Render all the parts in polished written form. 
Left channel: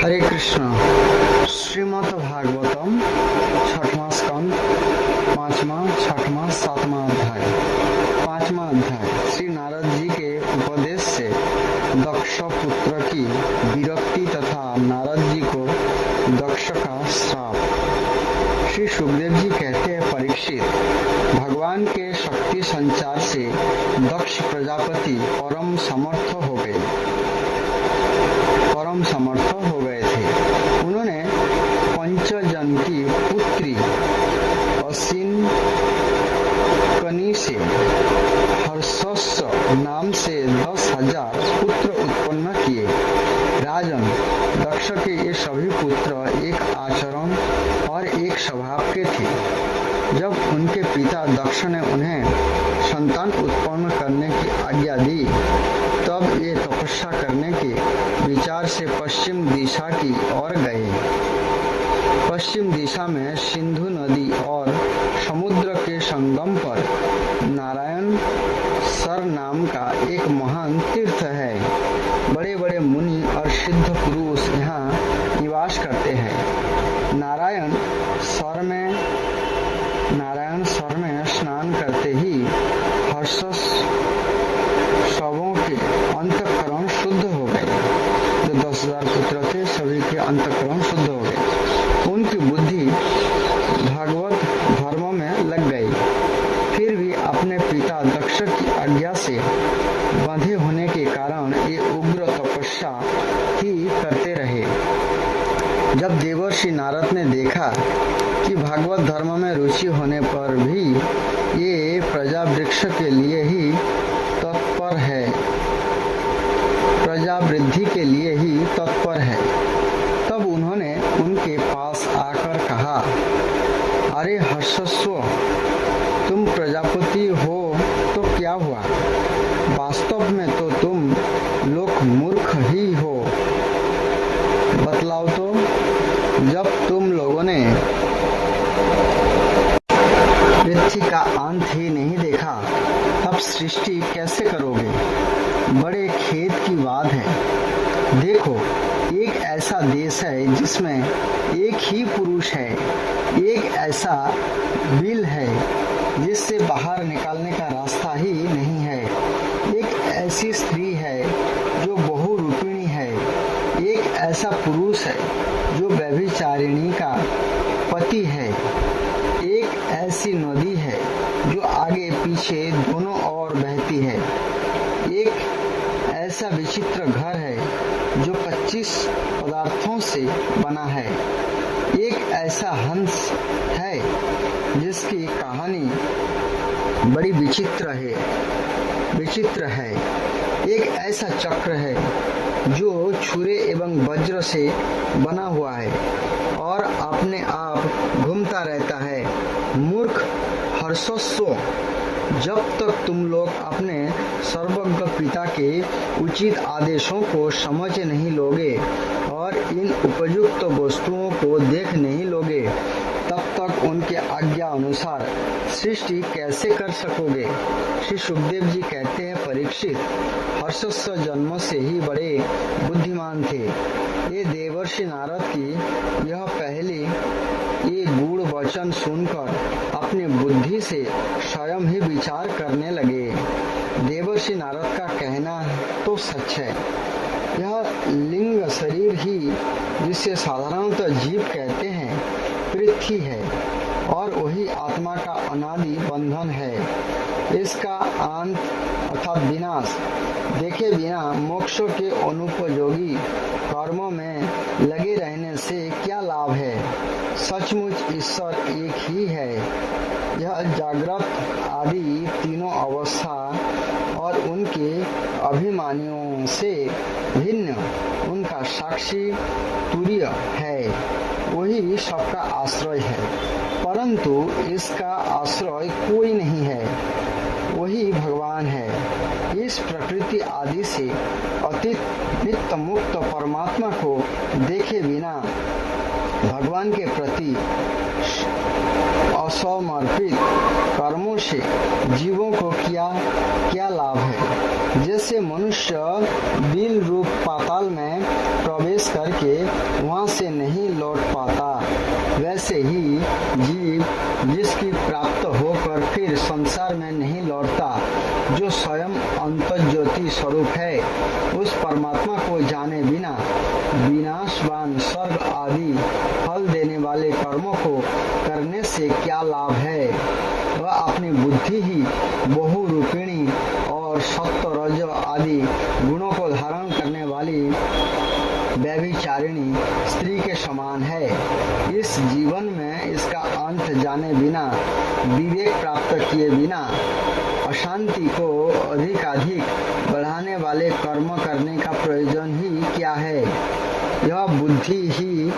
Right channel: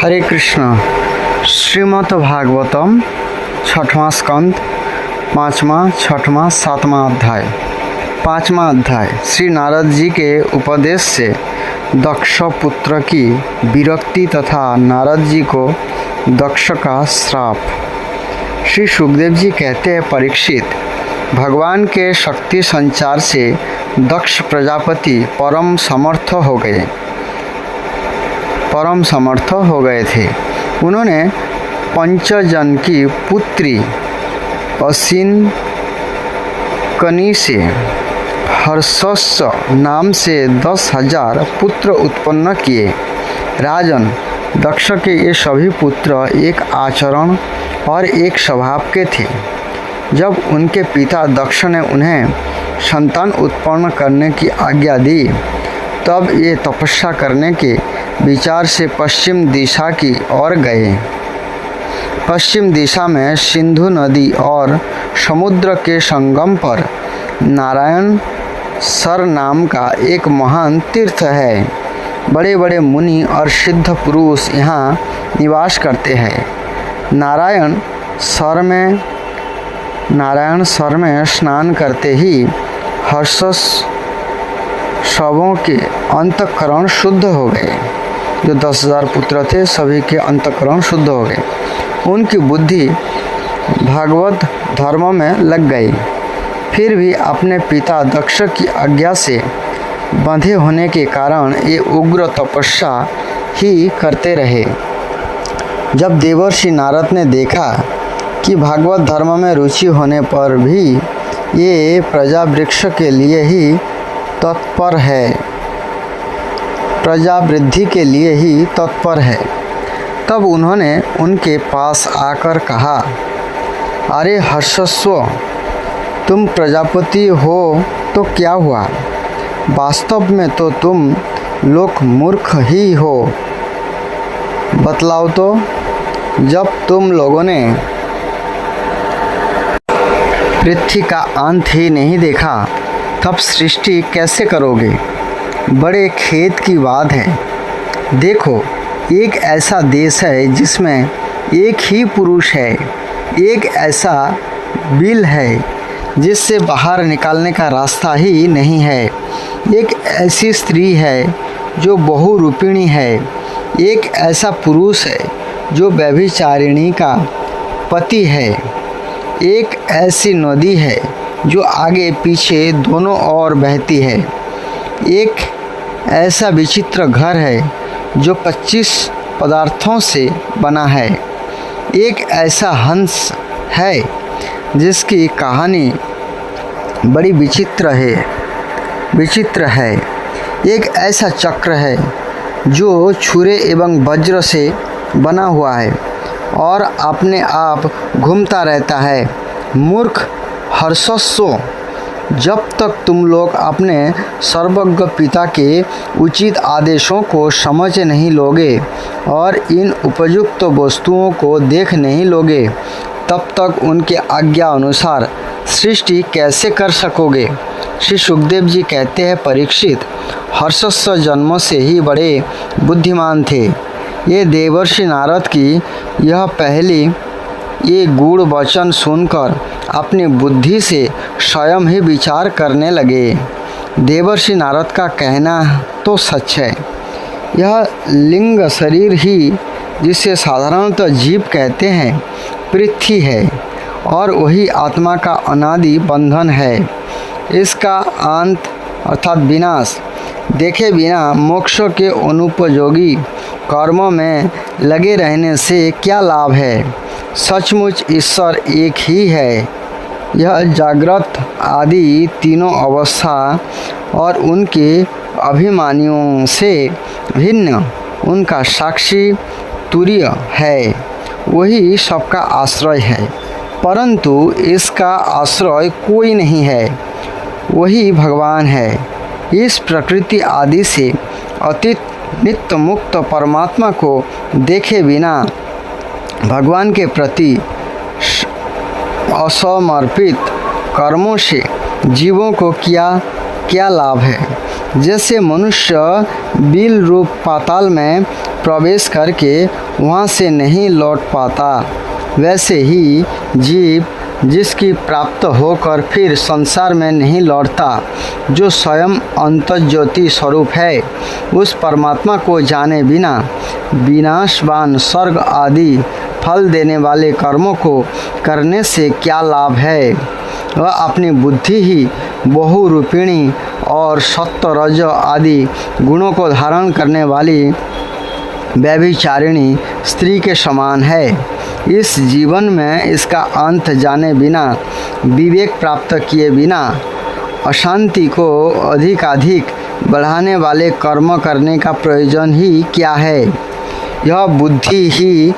हरे कृष्ण। श्रीमद् भागवतम छठवां स्कंद पाँचवां छठवां सातवां अध्याय। पाँचवां अध्याय श्री नारद जी के उपदेश से दक्ष पुत्र की विरक्ति तथा नारद जी को दक्ष का श्राप। श्री सुखदेव जी कहते हैं, परीक्षित, भगवान के शक्ति संचार से दक्ष प्रजापति परम समर्थ हो गए थे। उन्होंने पंचजन की पुत्री असिनकनी से हर्षस्व नाम से 10,000 पुत्र उत्पन्न किए। राजन, दक्ष के ये सभी पुत्र एक आचरण और एक स्वभाव के थे। जब उनके पिता दक्ष ने उन्हें संतान उत्पन्न करने की आज्ञा दी, तब ये तपस्या करने के विचार से पश्चिम दिशा की ओर गए। पश्चिम दिशा में सिंधु नदी और समुद्र के संगम पर नारायण सर नाम का एक महान तीर्थ है। बड़े बड़े मुनि और सिद्ध पुरुष यहाँ निवास करते हैं। नारायण सर में स्नान करते ही सबों के अंतःकरण शुद्ध हो गए। जो 10,000 पुत्र थे, सभी के अंतःकरण शुद्ध हो गए। उनकी बुद्धि भागवत धर्म में लग गई। फिर भी अपने पिता दक्ष की आज्ञा से बंधे होने के कारण ये उग्र तपस्या ही करते रहे। जब देवर्षि नारद ने देखा कि भागवत धर्म में रुचि होने पर भी ये प्रजा वृक्ष के लिए ही तत्पर है, प्रजा वृद्धि के लिए ही तत्पर है, तब उन्होंने उनके पास आकर कहा, अरे हर्षस्व, तुम प्रजापति हो तो क्या हुआ? वास्तव में तो तुम लोग मूर्ख ही हो। बतलाओ तो, जब तुम लोगों ने पृथ्वी का अंत ही नहीं देखा, तब सृष्टि कैसे करोगे? बड़े खेद की बात है। देखो, एक ऐसा देश है जिसमें एक ही पुरुष है, एक ऐसा बिल है जिससे बाहर निकालने का रास्ता ही नहीं है, एक ऐसी स्त्री है जो बहुरूपिणी है, एक ऐसा पुरुष है जो व्यभिचारिणी का पति है, एक ऐसी नदी है जो आगे पीछे दोनों ओर बहती है, एक ऐसा विचित्र घर है जो 25 पदार्थों से बना है, एक ऐसा हंस है जिसकी कहानी बड़ी विचित्र है, एक ऐसा चक्र है जो छुरे एवं वज्र से बना हुआ है और अपने आप घूमता रहता है। मूर्ख हर्षस्व, जब तक तुम लोग अपने सर्वज्ञ पिता के उचित आदेशों को समझ नहीं लोगे और इन उपयुक्त वस्तुओं को देख नहीं लोगे, तब तक उनके आज्ञा अनुसार सृष्टि कैसे कर सकोगे? श्री सुखदेव जी कहते हैं, परीक्षित, हर्षस्व जन्म से ही बड़े बुद्धिमान थे। ये देवर्षि नारद की यह पहली ये गूढ़ वचन सुनकर अपनी बुद्धि से स्वयं ही विचार करने लगे। देवर्षि नारद का कहना तो सच है। यह लिंग शरीर ही, जिसे साधारणतः जीव कहते हैं, पृथ्वी है और वही आत्मा का अनादि बंधन है। इसका अंत अर्थात विनाश देखे बिना मोक्ष के अनुपयोगी कर्मों में लगे रहने से क्या लाभ है? सचमुच ईश्वर एक ही है। यह जागृत आदि तीनों अवस्था और उनके अभिमानियों से भिन्न उनका साक्षी तुरीय है, वही सबका आश्रय है, परंतु इसका आश्रय कोई नहीं है, वही भगवान है। इस प्रकृति आदि से अतीत नित्य मुक्त परमात्मा को देखे बिना भगवान के प्रति असमर्पित कर्मों से जीवों को क्या लाभ है? जैसे मनुष्य बिल रूप पाताल में प्रवेश करके वहाँ से नहीं लौट पाता, वैसे ही जीव जिसकी प्राप्त होकर फिर संसार में नहीं लौटता, जो स्वयं अंतर्ज्योति स्वरूप है, उस परमात्मा को जाने बिना विनाशवान स्वर्ग आदि फल देने वाले कर्मों को करने से क्या लाभ है। वह अपनी बुद्धि ही बहुरूपिणी और सत्व रज आदि गुणों को धारण करने वाली व्यभिचारिणी स्त्री के समान है। इस जीवन में इसका अंत जाने बिना, विवेक प्राप्त किए बिना अशांति को अधिकाधिक बढ़ाने वाले कर्म करने का प्रयोजन ही क्या है। यह बुद्धि ही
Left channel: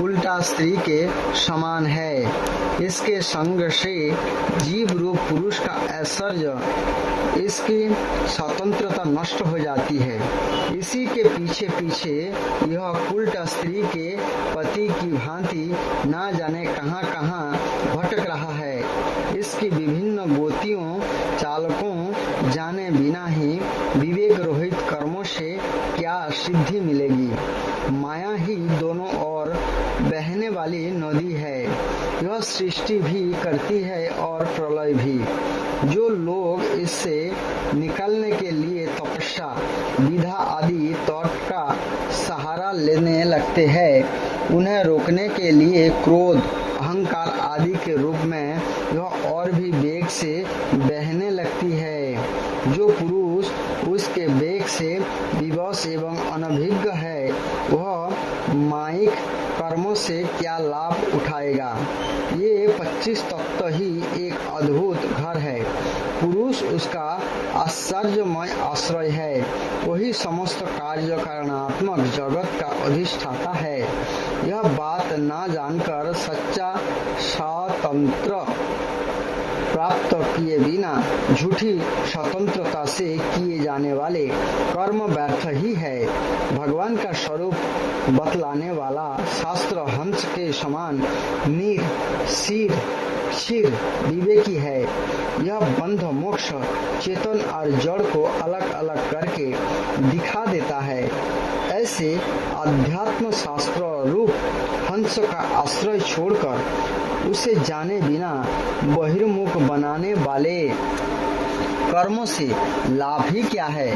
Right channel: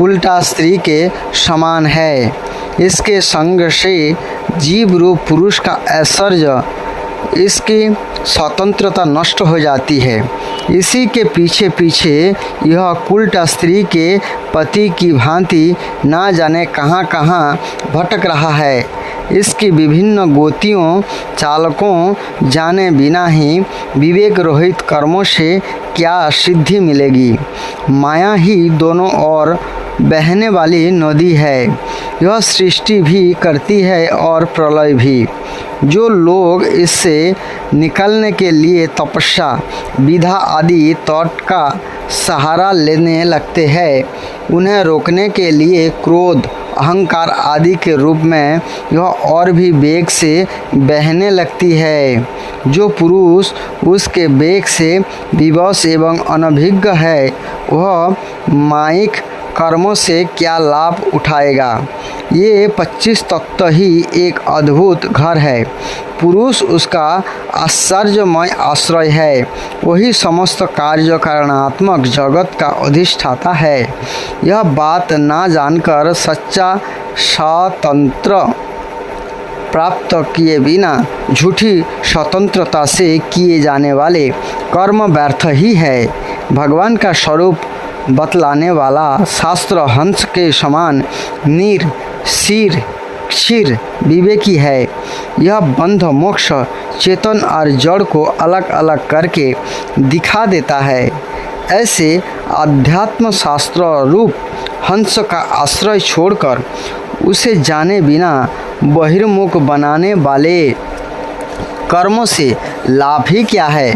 उल्टा स्त्री के समान है। इसके संग से जीव रूप पुरुष का ऐश्वर्य, इसकी स्वतंत्रता नष्ट हो जाती है। इसी के पीछे पीछे यह कुल्ट स्त्री के पति की भांति ना जाने कहाँ कहाँ भटक रहा है। इसकी विभिन्न गोतियों चालकों जाने बिना ही विवेक रहित कर्मों से क्या सिद्धि मिलेगी। माया ही दोनों ओर बहने वाली नदी है। यह सृष्टि भी करती है और प्रलय भी। जो लोग इससे निकलने के लिए तपस्या, विधा आदि तौर का सहारा लेने लगते हैं, उन्हें रोकने के लिए क्रोध, अहंकार आदि के रूप में यह और भी वेग से बहने लगती है। जो पुरुष उसके वेग से विवश एवं अनभिज्ञ है, वह मायिक कर्मों से क्या लाभ उठाएगा। ये 25 तत्व ही एक अद्भुत घर है। पुरुष उसका आश्चर्यमय आश्रय है। वही समस्त कार्य कारणात्मक जगत का अधिष्ठाता है। यह बात ना जानकर सच्चा स्वतंत्र प्राप्त किए बिना झूठी स्वतंत्रता से किए जाने वाले कर्म व्यर्थ ही है। भगवान का स्वरूप बतलाने वाला शास्त्र हंस के समान नीर शीर क्षीर विवेकी है। यह बंध मोक्ष चेतन और जड़ को अलग अलग करके दिखा देता है। ऐसे अध्यात्म शास्त्र रूप हंस का आश्रय छोड़कर उसे जाने बिना बहिर्मुख बनाने वाले कर्मों से लाभ ही क्या है।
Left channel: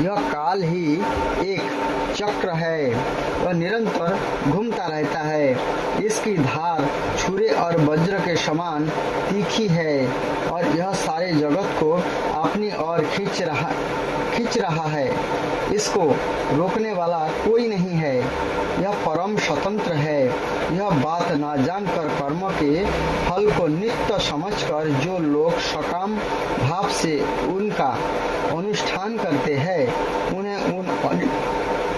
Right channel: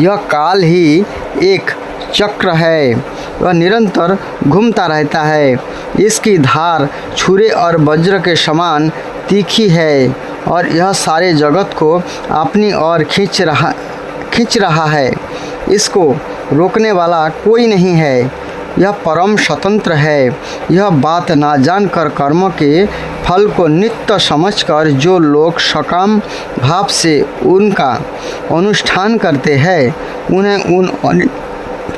यह काल ही एक चक्र है, वह निरंतर घूमता रहता है। इसकी धार छुरे और वज्र के समान तीखी है और यह सारे जगत को अपनी ओर खींच रहा है। इसको रोकने वाला कोई नहीं है। यह परम स्वतंत्र है। यह बात ना जानकर कर्मों के फल को नित्य समझकर जो लोग सकाम भाव से उनका अनुष्ठान करते हैं,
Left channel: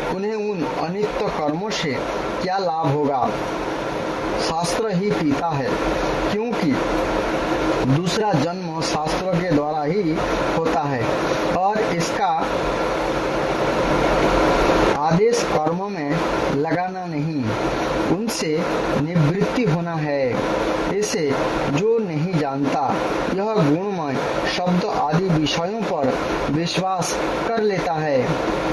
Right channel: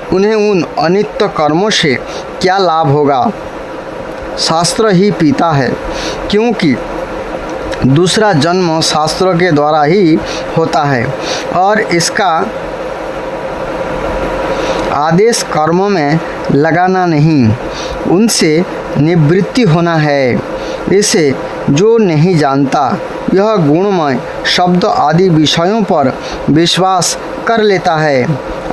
उन्हें उन अनित्य कर्मों से क्या लाभ होगा। शास्त्र ही पीता है, क्योंकि दूसरा जन्म शास्त्रों के द्वारा ही होता है और इसका आदेश कर्मों में लगाना नहीं, उनसे निवृत्ति होना है। इसे जो नहीं जानता, यह गुणमय शब्द आदि विषयों पर विश्वास कर लेता है।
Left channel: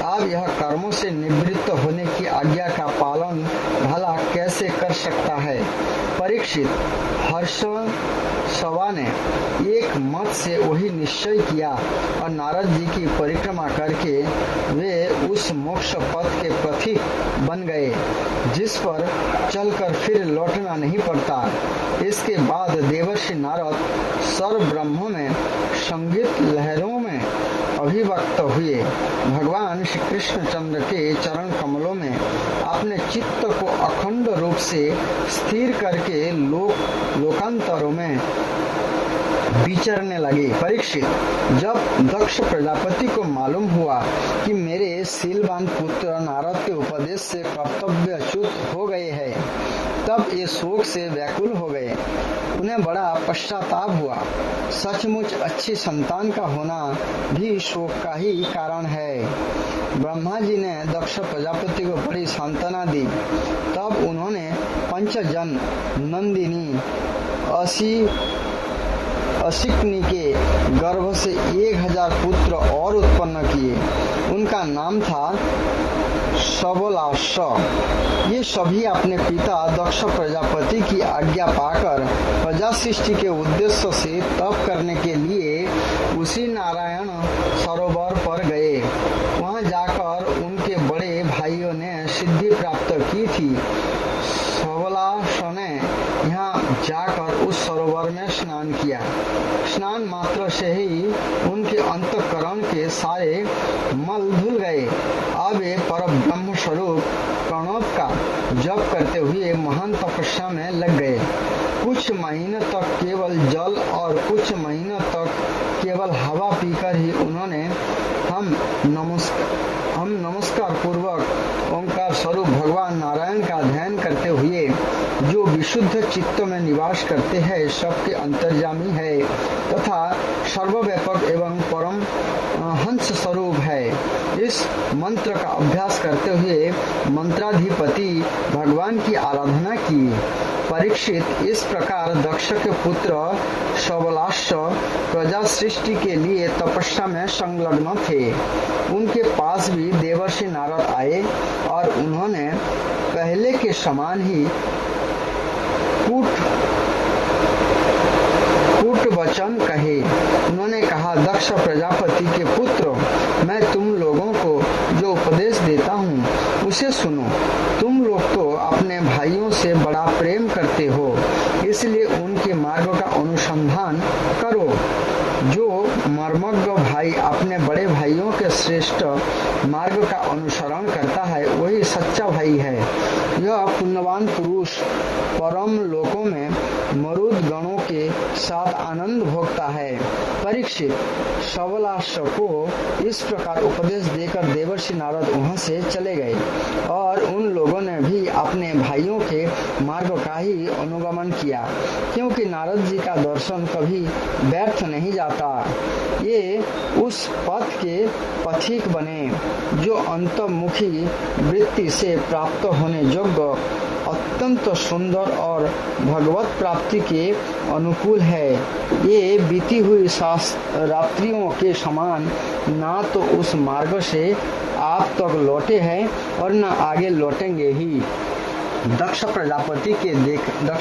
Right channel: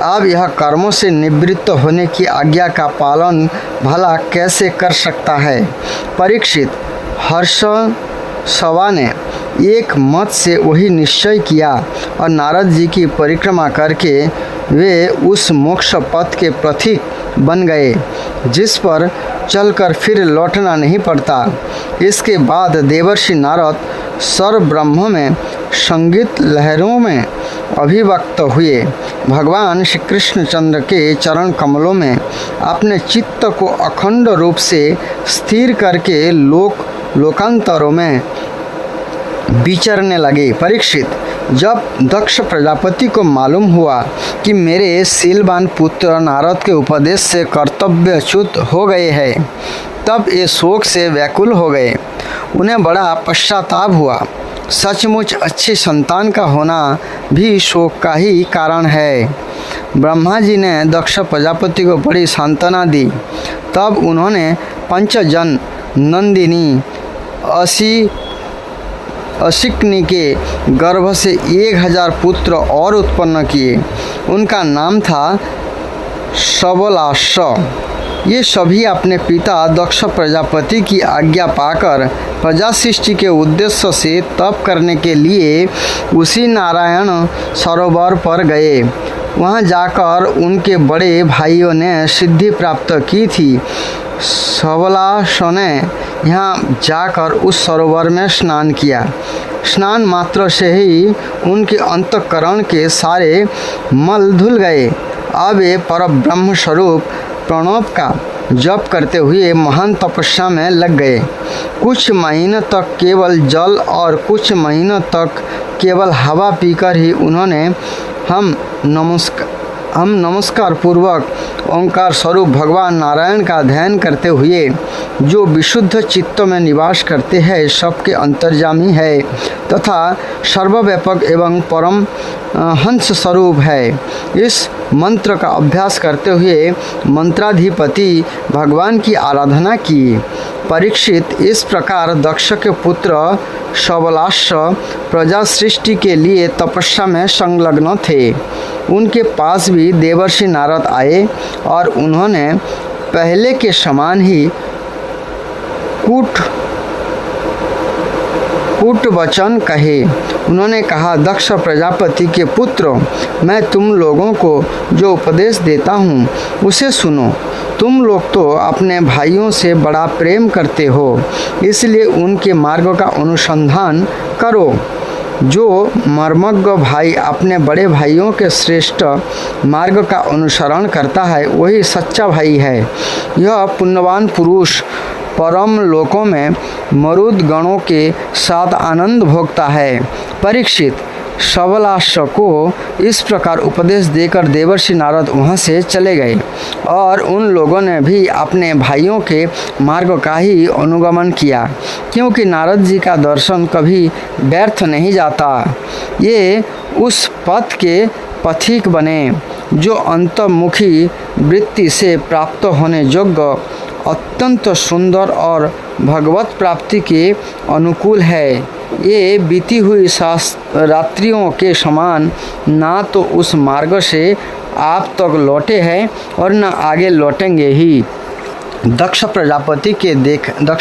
अब यह कर्मों से निवृत्त होने की आज्ञा का पालन भला कैसे कर सकता है। परीक्षित, हर्षसवा ने एक मत से वही निश्चय किया और नारद जी की परिक्रमा करके वे उस मोक्ष पथ के पथिक बन गए, जिस पर चलकर फिर लौटना नहीं पड़ता। इसके बाद देवर्षि नारद सर्व ब्रह्म में संगीत लहरों में अभिव्यक्त हुए। भगवान श्री कृष्णचंद्र के चरण कमलों में अपने चित्त को अखंड रूप से स्थिर करके लोकांतरों में विचरने लगे। परीक्षित, जब दक्ष प्रजापति को मालूम हुआ कि मेरे शीलवान पुत्र नारद के उपदेश से कर्तव्यच्युत हो गए हैं, तब ये शोक से व्याकुल हो गए। उन्हें बड़ा पश्चाताप हुआ। सचमुच अच्छी संतान का होना भी शोक का ही कारण है। ब्रह्मा जी ने दक्ष प्रजापति को बड़ी सांत्वना दी। तब उन्होंने पंचजन नंदिनी असिकनी के गर्भ से 1000 पुत्र और उत्पन्न किए। उनका नाम था सबलाश, ये सभी अपने पिता दक्ष प्रजापति की आज्ञा पाकर प्रजा सृष्टि के उद्देश्य से तप करने के लिए उसी नारायण सरोवर पर गए। वहाँ जाकर उनके बड़े भाइयों ने सिद्धि प्राप्त की थी। सबलाश ने यहाँ जाकर उस सरोवर में स्नान किया। स्नान मात्र से ही उनके अंतःकरण के सारे मल धुल गए। अब वे परब्रह्म स्वरूप प्रणव का जप करते हुए महान तपस्या में लग गए। कुछ महीनों तक केवल जल और कुछ महीनों तक केवल हवा पीकर ही उन्होंने हम नमस्कार पूर्वक ओंकार स्वरूप भगवान नारायण का ध्यान करते हुए, जो विशुद्ध चित्त में निवास करते हैं, सबके अंतर्यामी है तथा सर्वव्यापक एवं परम हंस स्वरूप है, इस मंत्र का अभ्यास करते हुए मंत्राधिपति भगवान की आराधना की। परीक्षित इस प्रकार दक्ष के पुत्र सबलाश प्रजा सृष्टि के लिए तपस्या में संलग्न थे। उनके पास भी देवर्षि नारद आए और उन्होंने पहले के समान ही कूट वचन कहे। उन्होंने कहा, दक्ष प्रजापति के पुत्र, मैं तुम लोगों को जो उपदेश देता हूँ उसे सुनो। तुम लोग तो अपने भाइयों से बड़ा प्रेम करते हो, इसलिए उनके मार्ग का अनुसंधान करो। जो मर्मज्ञ भाई अपने बड़े भाइयों के श्रेष्ठ मार्ग का अनुसरण करता है, वही सच्चा भाई है। यह पुण्यवान पुरुष परम लोकों में मरुद गणों के साथ आनंद भोगता है। परीक्षित, सबलाश को इस प्रकार उपदेश देकर देवर्षि नारद वहाँ से चले गए और उन लोगों ने भी अपने भाइयों के मार्ग का ही अनुगमन किया, क्योंकि नारद जी का दर्शन कभी व्यर्थ नहीं जाता। ये उस पथ के पथिक बने जो अंतर्मुखी वृत्ति से प्राप्त होने योग्य अत्यंत सुंदर और भगवत प्राप्ति के अनुकूल है। ये बीती हुई रात्रियों के समान ना तो उस मार्ग से आप तक लौटे हैं और न आगे लौटेंगे ही। दक्ष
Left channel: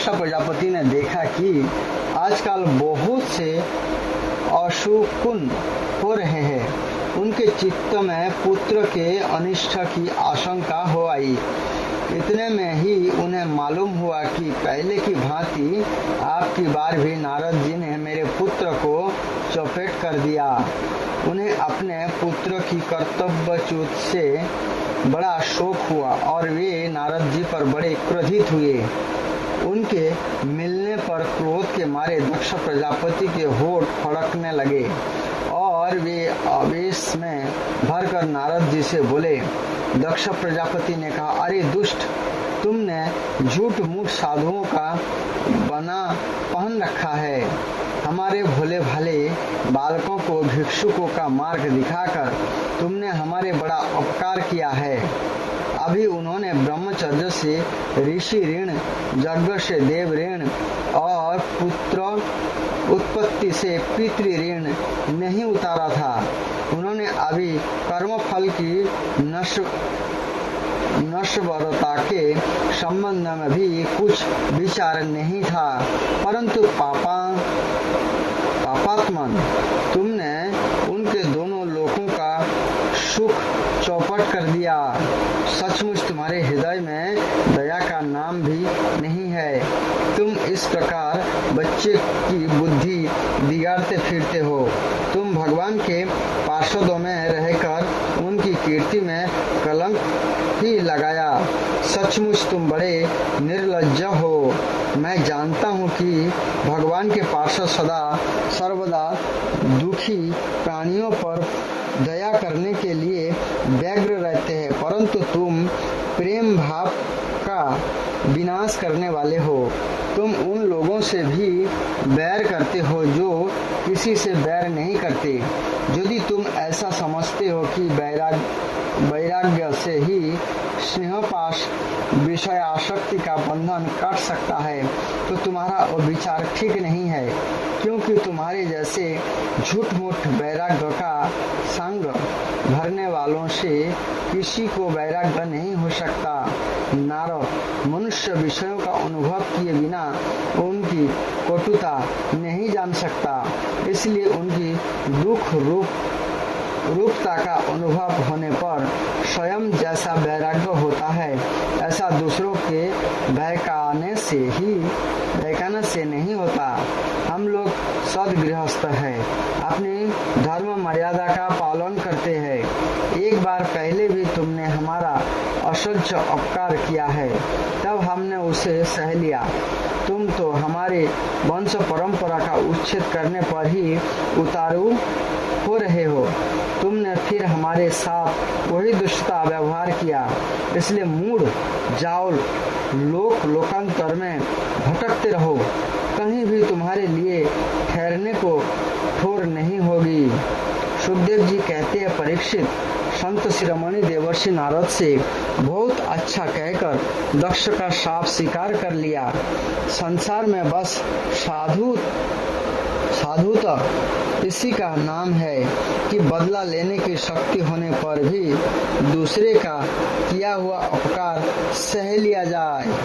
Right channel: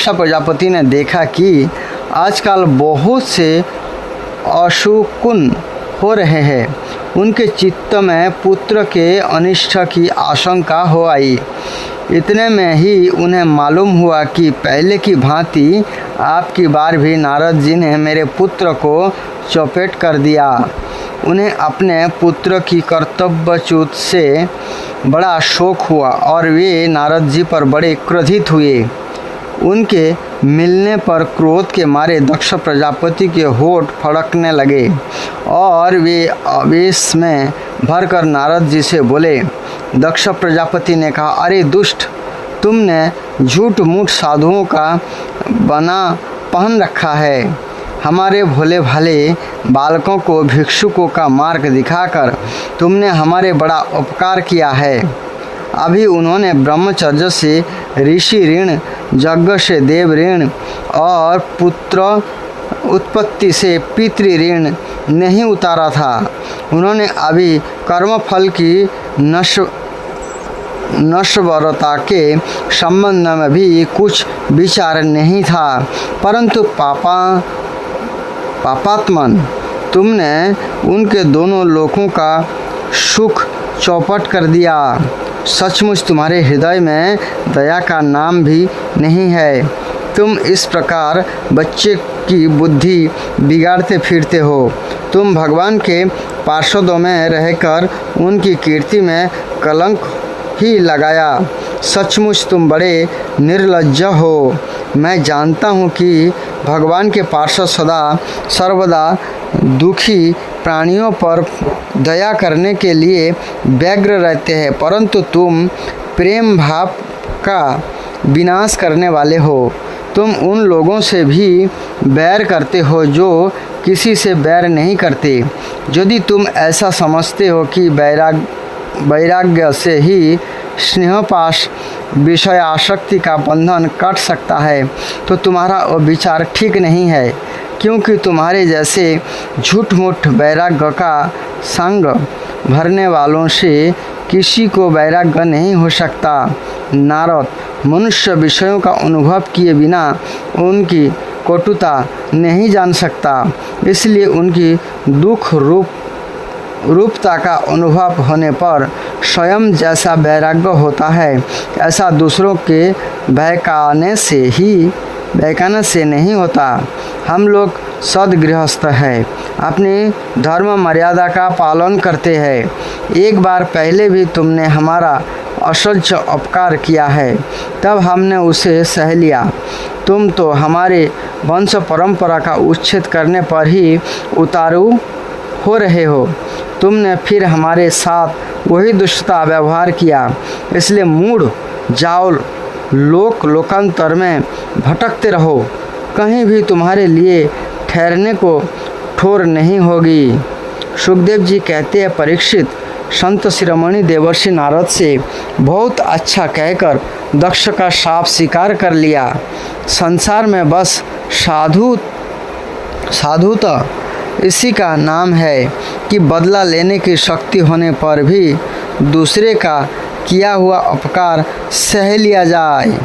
प्रजापति ने देखा कि आजकल बहुत से अशुकुन हो रहे हैं। उनके चित्त में पुत्र के अनिष्ट की आशंका हो आई। इतने में ही उन्हें मालूम हुआ कि पहले की भांति आपकी बार भी नारद जी ने मेरे पुत्र को चौपेट कर दिया। उन्हें अपने पुत्र की कर्तव्यच्युत से बड़ा शोक हुआ और वे नारद जी पर बड़े क्रोधित हुए। उनके मिलने पर क्रोध के मारे दक्ष प्रजापति के होठ फड़कने लगे और वे आवेश में भरकर नारद जी से बोले। दक्ष प्रजापति ने कहा, अरे दुष्ट, तुमने झूठ मूठ साधुओं का बना पहन रखा है। हमारे भोले भाले बालकों को भिक्षुकों का मार्ग दिखाकर तुमने हमारे बड़ा उपकार किया है। अभी उन्होंने ब्रह्मचर्य से ऋषि ऋण, यज्ञ से देव ऋण और पुत्र उत्पत्ति से पितृ ऋण नहीं उतारा था। उन्होंने अभी कर्मफल की नश्वरता के संबंध में भी कुछ विचार नहीं था, परंतु पापात्मन, तुमने उनके दोनों लोकों का सुख चौपट कर दिया। सचमुच तुम्हारे हृदय में दया का नाम भी नहीं है। तुम इस प्रकार बच्चे की बुद्धि बिगाड़ते फिरते हो। तुम भगवान के पार्षदों में रहकर उनकी कीर्ति में कलंक ही लगाया। सचमुच तुम बड़े निर्लज्ज हो। मैं जानता हूँ कि भगवान के पार्षद सदा सर्वदा दुखी प्राणियों पर दया करने के लिए व्यग्र रहते हैं, परंतु तुम प्रेम भाव का विनाश करने वाले हो। तुम उन लोगों से भी बैर करते हो जो किसी से बैर नहीं करते। यदि तुम ऐसा समझते हो कि वैराग्य से ही स्नेहपाश विषय आसक्ति का बंधन कट सकता है, तो तुम्हारा वो विचार ठीक नहीं है, क्योंकि तुम्हारे जैसे झूठ मूठ वैराग्य का संग भरने वालों से किसी को वैराग्य नहीं हो सकता। नारद, मनुष्य विषयों का अनुभव किए बिना उनकी कटुता नहीं जान सकता, इसलिए उनकी दुख रूपता का अनुभव होने पर स्वयं जैसा वैराग्य होता है, ऐसा दूसरों के बहकाने से नहीं होता। हम लोग सद्गृहस्थ हैं, अपनी धर्म मर्यादा का पालन करते हैं। एक बार पहले भी तुमने हमारा असह्य अपकार किया है, तब हमने उसे सह लिया। तुम तो हमारे वंश परंपरा का उच्छेद करने पर ही उतारू हो रहे हो। तुमने फिर हमारे साथ वही दुष्टता व्यवहार किया, इसलिए मूढ़ जाओ, लोकांतर में भटकते रहो, कहीं भी तुम्हारे लिए ठहरने को ठोर नहीं होगी। सुखदेव जी कहते हैं, परीक्षित, संत शिरोमणि देवर्षि नारद से बहुत अच्छा कहकर दक्ष का शाप स्वीकार कर लिया। संसार में बस साधुता इसी का नाम है कि बदला लेने की शक्ति होने पर भी दूसरे का किया हुआ उपकार सह लिया जाए।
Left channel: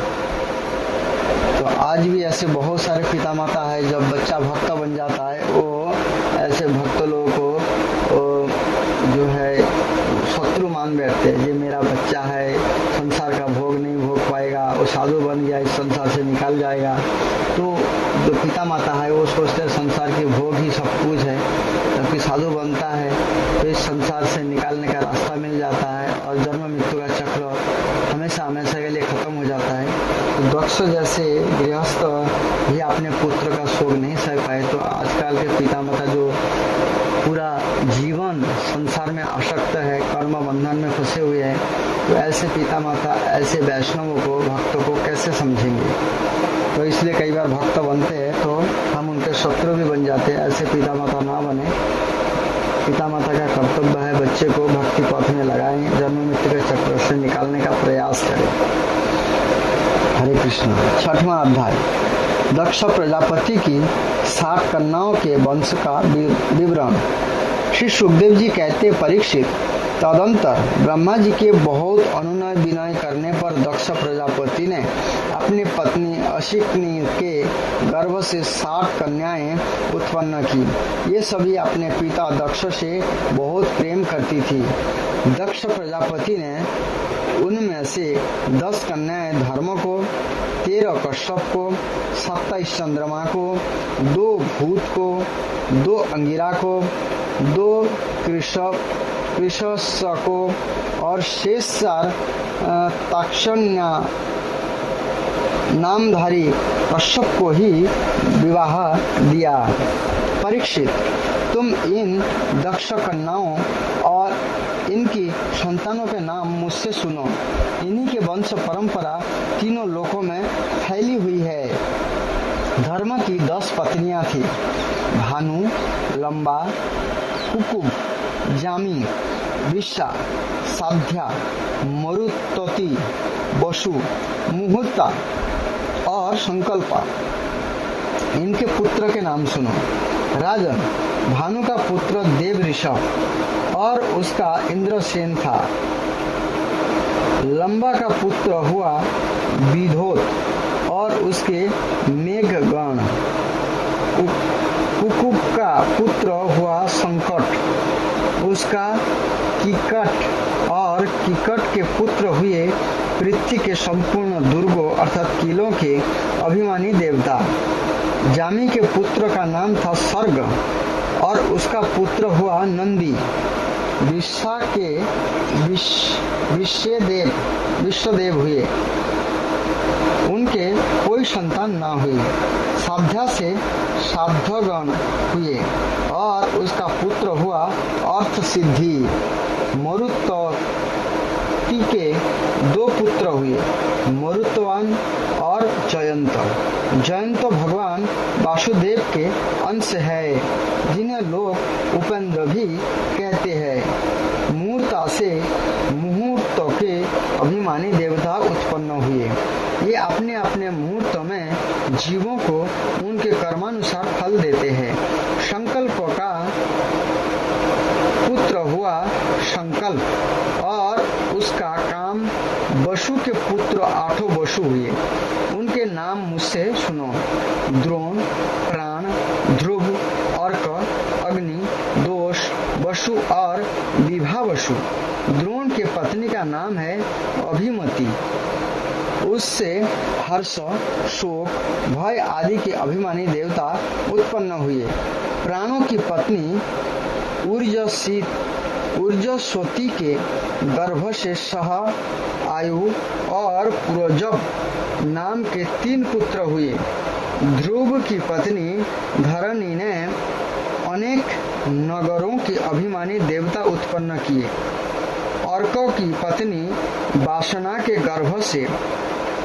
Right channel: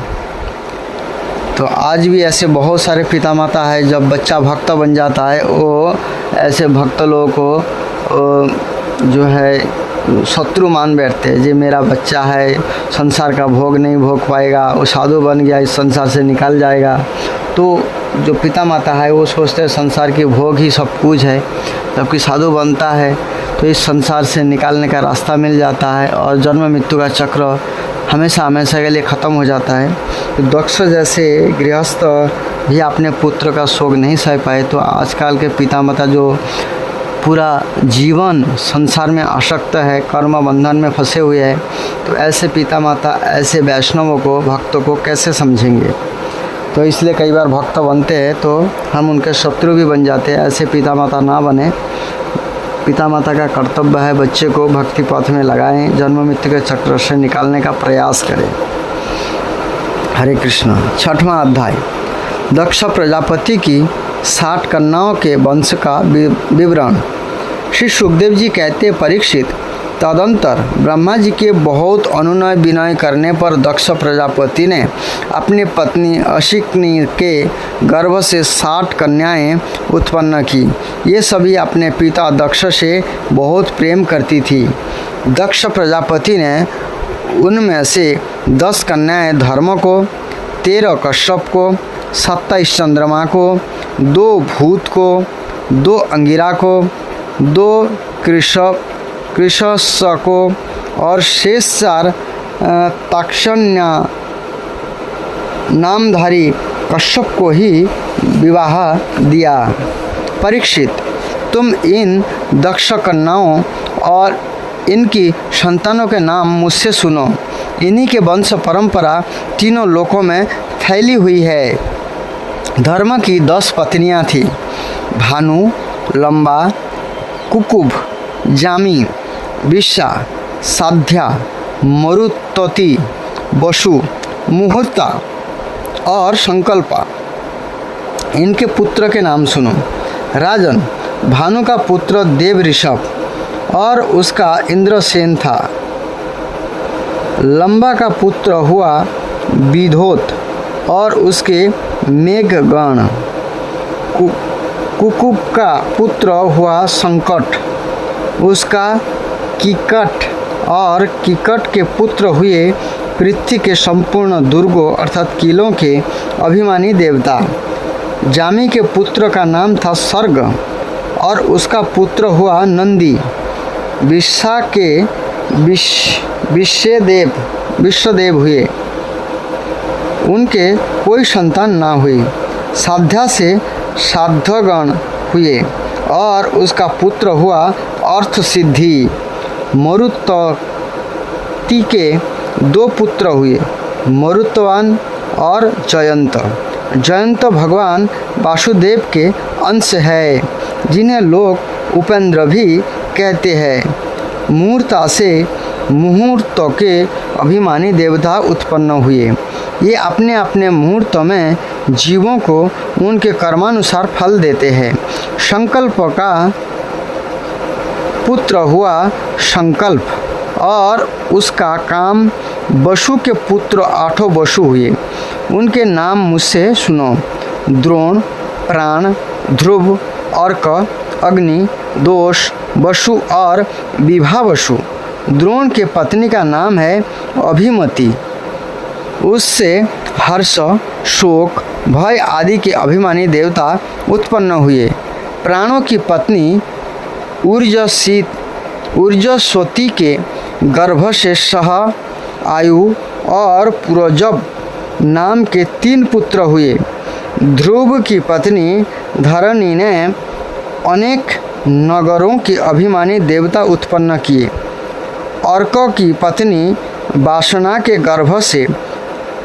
तो आज भी ऐसे बहुत सारे पिता माता है, जब बच्चा भक्त बन जाता है वो ऐसे भक्त लोगों को जो है शत्रु मान बैठते हैं। जो मेरा बच्चा है संसार का भोग नहीं भोग पाएगा, वो साधु बन गया इस संसार से निकल जाएगा। तो जो पिता माता है वो सोचते हैं संसार के भोग ही सब कुछ है, जबकि साधु बनता है तो इस संसार से निकालने का रास्ता मिल जाता है और जन्म मृत्यु का चक्र हमेशा के लिए ख़त्म हो जाता है। तो दक्ष जैसे गृहस्थ भी अपने पुत्र का शोक नहीं सह पाए, तो आजकल के पिता माता जो पूरा जीवन संसार में आसक्त है, कर्म बंधन में फंसे हुए हैं, तो ऐसे पिता माता ऐसे वैष्णवों को, भक्तों को कैसे समझेंगे। तो इसलिए कई बार भक्त बनते हैं तो हम उनके शत्रु भी बन जाते हैं। ऐसे पिता माता ना बने। पिता माता का कर्तव्य है बच्चे को भक्ति पथ में लगाएं, जन्म मृत्यु के चक्र से निकालने का प्रयास करें। हरे कृष्ण। 6वां अध्याय, दक्ष प्रजापति की 60 कन्याओं के वंश का विवरण। श्री सुखदेव जी कहते, परीक्षित, तदंतर ब्रह्मा जी के बहुत अनुनय विनय करने पर दक्ष प्रजापति ने अपनी पत्नी अशिकनी के गर्भ से 60 कन्याएं उत्पन्न की। ये सभी अपने पिता दक्ष से बहुत प्रेम करती थी। दक्ष प्रजापति ने उनमें से 10 कन्याएं धर्म को, 13 कश्यप को, 27 चंद्रमा को, 2 भूत को, 2 अंगिरा को, 2 कृषस को और शेष 4 ताक्षण्य नामधारी कश्यप को ही विवाह दिया। परीक्षित, तुम इन दक्ष कन्याओं और इनकी संतानों के नाम मुझसे सुनो। इन्हीं के वंश परंपरा तीनों लोकों में फैली हुई है। धर्म की 10 पत्नियां थीं, भानु, लंबा, कुकुब, जामी, विशा, साध्या, मरुतोति, वसु, मुहूर्ता और संकल्पा। इनके पुत्र के नाम सुनो। राजन, भानु का पुत्र देव ऋषभ और उसका इंद्रसेन था। लंबा का पुत्र हुआ विधोत और उसके मेघगण। कुकुब का पुत्र हुआ संकट, उसका किकट और किकट के पुत्र हुए पृथ्वी के संपूर्ण दुर्गों अर्थात किलों के अभिमानी देवता। जामी के पुत्र का नाम था सर्ग और उसका पुत्र हुआ नंदी। विशा के विश्वदेव हुए, उनके कोई संतान ना हुई। साध्या से साध्यगण हुए और उसका पुत्र हुआ अर्थ सिद्धि। मरुतोति के 2 पुत्र हुए, मरुतवान और जयंत। जयंत भगवान वासुदेव के अंश है, जिन्हें लोग उपेंद्र भी कहते हैं। मूर्ता से मुहूर्तों के अभिमानी देवता उत्पन्न हुए। ये अपने अपने मुहूर्तों में जीवों को उनके कर्मानुसार फल देते हैं। संकल्प का पुत्र हुआ संकल्प और उसका काम वसु के पुत्र 8 वसु हुए। उनके नाम मुझसे सुनो: द्रोण, प्राण, ध्रुव, अर्क, अग्नि, दोष, वसु और विभावसु। द्रोण के पत्नी का नाम है अभिमति। उससे हर्ष, शोक, भय आदि के अभिमानी देवता उत्पन्न हुए। प्राणों की पत्नी ऊर्जस्वती के गर्भ से सह, आयु और पुरोजब नाम के 3 पुत्र हुए। ध्रुव की पत्नी धरणी ने अनेक नगरों के अभिमानी देवता उत्पन्न किए। अर्कों की पत्नी वासना के गर्भ से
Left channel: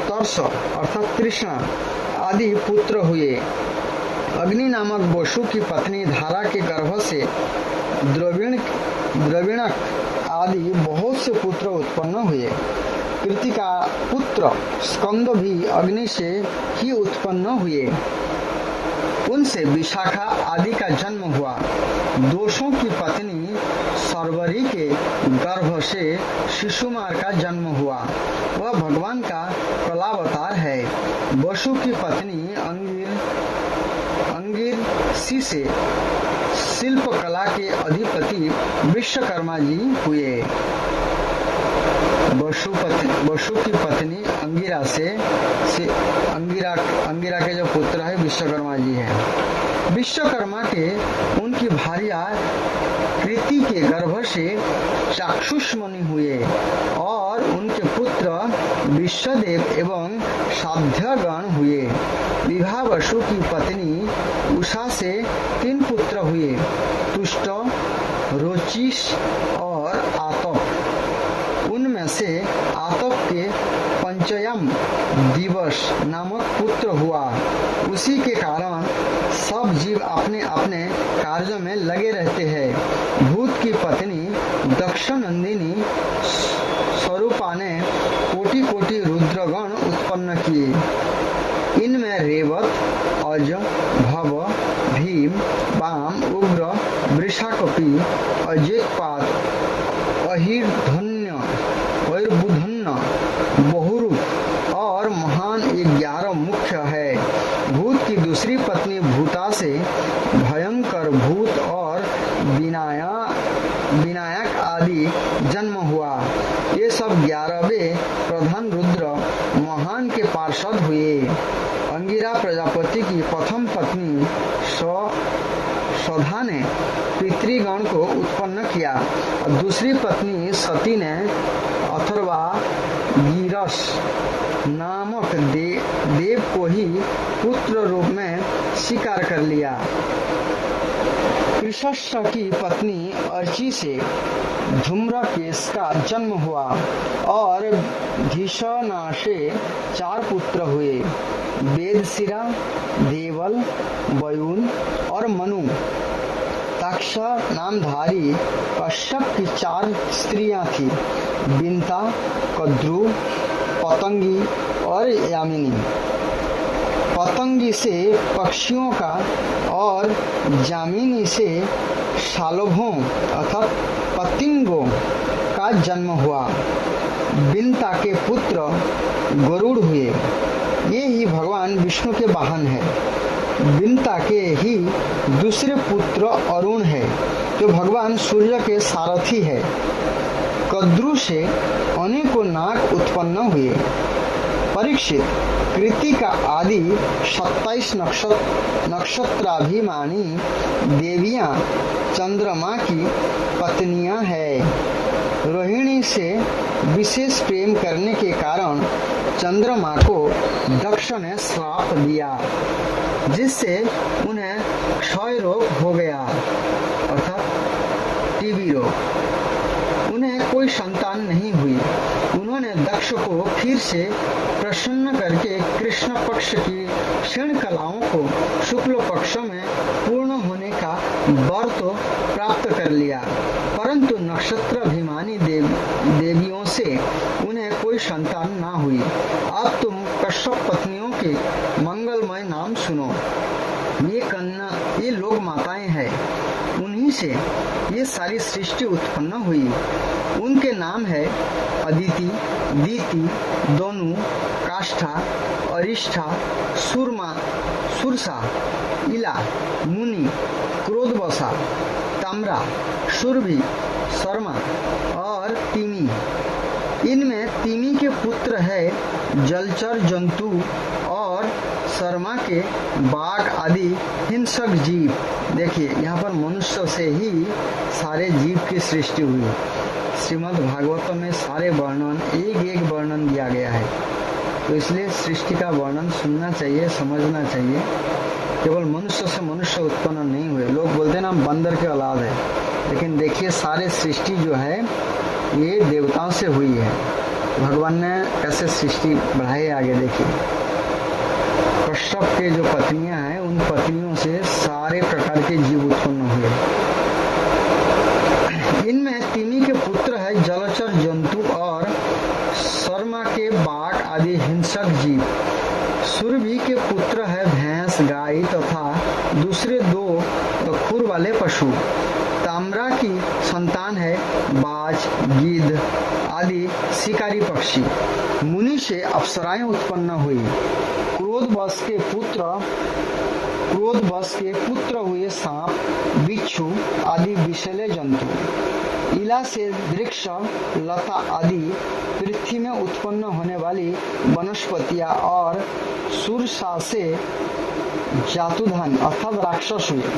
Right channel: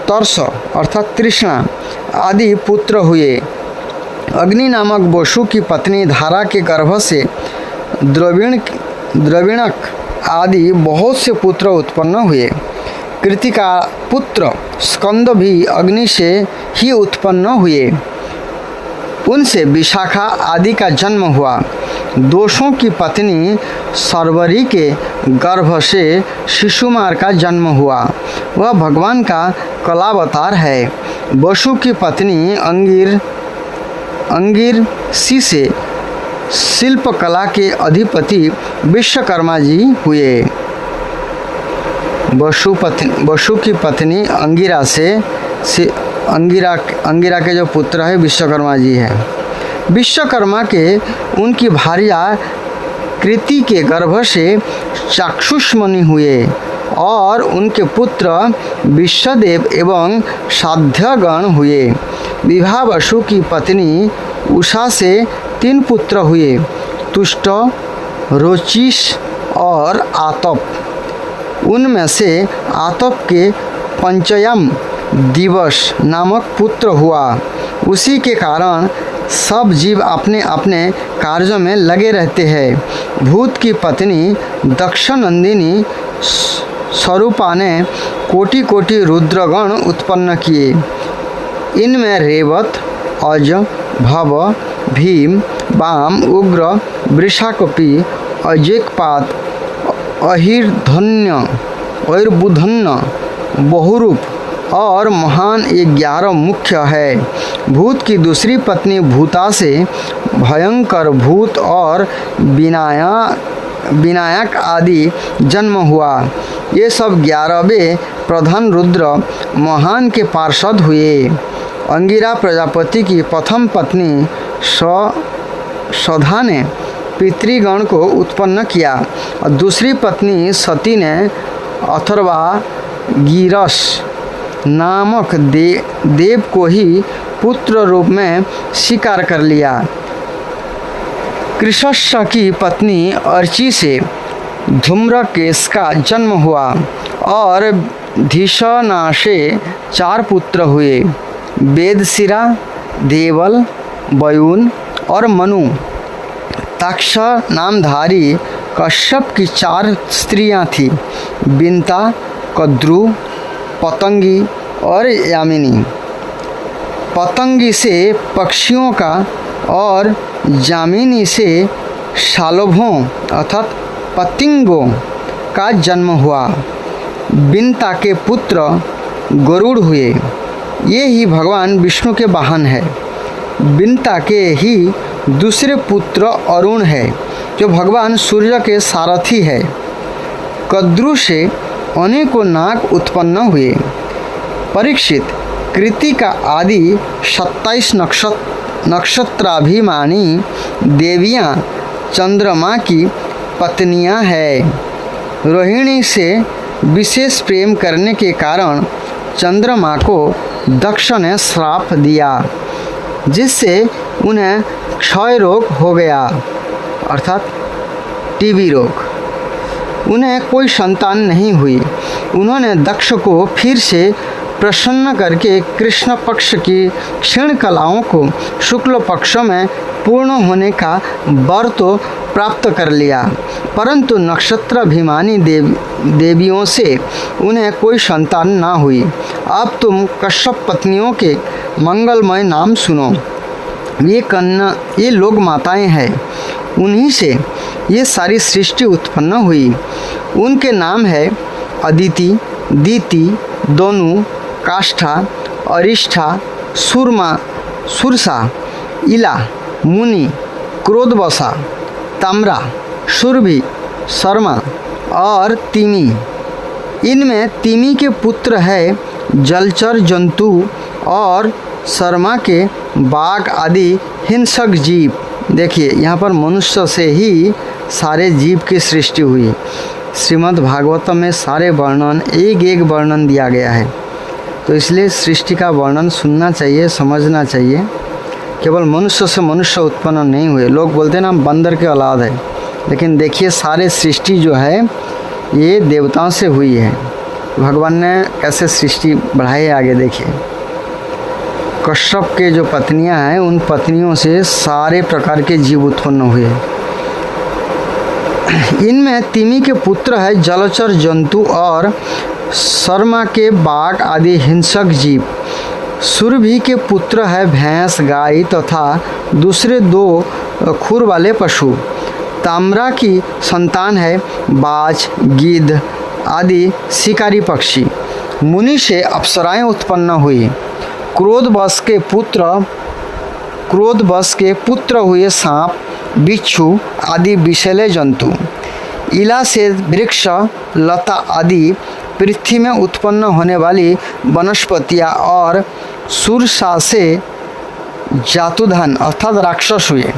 तर्स अर्थात तृष्णा आदि पुत्र हुए। अग्नि नामक वसु की पत्नी धारा के गर्भ से द्रविणक आदि बहुत से पुत्र उत्पन्न हुए। कृति का पुत्र स्कंद भी अग्नि से ही उत्पन्न हुए। उनसे विशाखा आदि का जन्म हुआ। दोषों की पत्नी सर्वरी के गर्भ से शिशुमार का जन्म हुआ। वह भगवान का कलावतार है। वसु की पत्नी अंगिरसी से शिल्प कला के अधिपति विश्वकर्मा जी हुए। वसु की पत्नी अंगिरा के जो पुत्र है विश्वकर्मा जी है। विश्वकर्मा के उनकी भार्या कृति के गर्भ से चाक्षुष मुनि हुए और उनके पुत्र विश्वदेव एवं साध्यगण हुए। विभावसु की पत्नी उषा से 3 पुत्र हुए: तुष्ट, रोचिष और आतप। उनमें से आतप के पंचयम दिवस नामक पुत्र हुआ। उसी के कारण सब जीव अपने अपने कार्यों में लगे रहते हैं। भूत की पत्नी दक्षनंदिनी स्वरूपा ने कोटि कोटि रुद्रगण उत्पन्न किए। इनमें रेवत, अज, भव, भीम, वाम, उग्र, वृषाकपि, अजेकपात, अहिर्धन्य, ऐर्बुधन्य, बहुरूप और महान 11 मुख्य है। भूत की दूसरी पत्नी भूता से भयंकर भूत और विनायक आदि जन्म हुआ। ये सब 11वें प्रधान रुद्र महान के पार्षद हुए। अंगिरा प्रजापति की प्रथम पत्नी सधा ने पितृगण को उत्पन्न किया और दूसरी पत्नी सती ने अथर्वा गिरस नामक देव को ही पुत्र रूप में स्वीकार कर लिया। कृषस्स की पत्नी अर्ची से धूम्रकेश का जन्म हुआ और धिषणा से 4 पुत्र हुए: वेदशिरा, देवल, वयुन और मनु। तक्ष नामधारी कश्यप की 4 स्त्रियां थीं: बिंता, कद्रु, पतंगी और यामिनी। पतंगी से पक्षियों का और जामिनी से शालभों अर्थात पतिंगों का जन्म हुआ। बिंता के पुत्र गरुड़ हुए। ये ही भगवान विष्णु के वाहन है। बिंता के ही दूसरे पुत्र अरुण है जो भगवान सूर्य के सारथी है। कद्रु से अनेकों नाग उत्पन्न हुए। परीक्षित, कृति का आदि 27 नक्षत्राभिमानी देवियां चंद्रमा की पत्नियां हैं। रोहिणी से विशेष प्रेम करने के कारण चंद्रमा को दक्ष ने श्राप दिया, जिससे उन्हें क्षय रोग हो गया अर्थात टीबी रोग। उन्हें कोई संतान नहीं हुई। उन्होंने दक्ष को फिर से प्रसन्न करके कृष्ण पक्ष की क्षीण कलाओं को शुक्ल पक्ष में पूर्ण होने का वर तो प्राप्त कर लिया, परंतु नक्षत्राभिमानी देवियों से उन्हें कोई संतान ना हुई। अब तुम कश्यप पत्नियों के मंगलमय नाम सुनो। ये लोग माताएं हैं, उन्हीं से ये सारी सृष्टि उत्पन्न हुई। उनके नाम है अदिति, दीति, दोनु, काष्ठा, अरिष्ठा, सुरमा, सुरसा, इला, मुनि, क्रोधवसा, ताम्रा, सुरभि, शर्मा और तिमी। इनमें तिमी के पुत्र है जलचर जंतु और शर्मा के बाघ आदि हिंसक जीव। देखिए यहाँ पर मनुष्य से ही सारे जीव की सृष्टि हुई। श्रीमद् भागवतम में सारे वर्णन एक एक वर्णन दिया गया है, तो इसलिए सृष्टि का वर्णन सुनना चाहिए, समझना चाहिए। केवल मनुष्य से मनुष्य उत्पन्न नहीं हुए। लोग बोलते हैं ना बंदर के औलाद है, लेकिन देखिए सारे सृष्टि जो है ये देवताओं से हुई है। भगवान ने कैसे सृष्टि बढ़ाई है आगे देखिए। कश्यप के जो पत्नियां हैं उन पत्नियों से सारे प्रकार के जीव उत्पन्न हुए। इनमें तिमी के पुत्र है जलचर जंतु और शर्मा के बाघ आदि हिंसक जीव। सुरभि के पुत्र है भैंस, गाय तथा दूसरे 2 खुर वाले पशु। ताम्रा की संतान है बाज, गिद्ध आदि शिकारी पक्षी। मुनि से अप्सराएं उत्पन्न हुई। क्रोधवश के पुत्र हुए सांप, बिच्छू आदि विषैले जंतु। इला से वृक्ष, लता आदि पृथ्वी में उत्पन्न होने वाली वनस्पतियाँ और सुरसा से जातुधन अर्थात राक्षस हुए।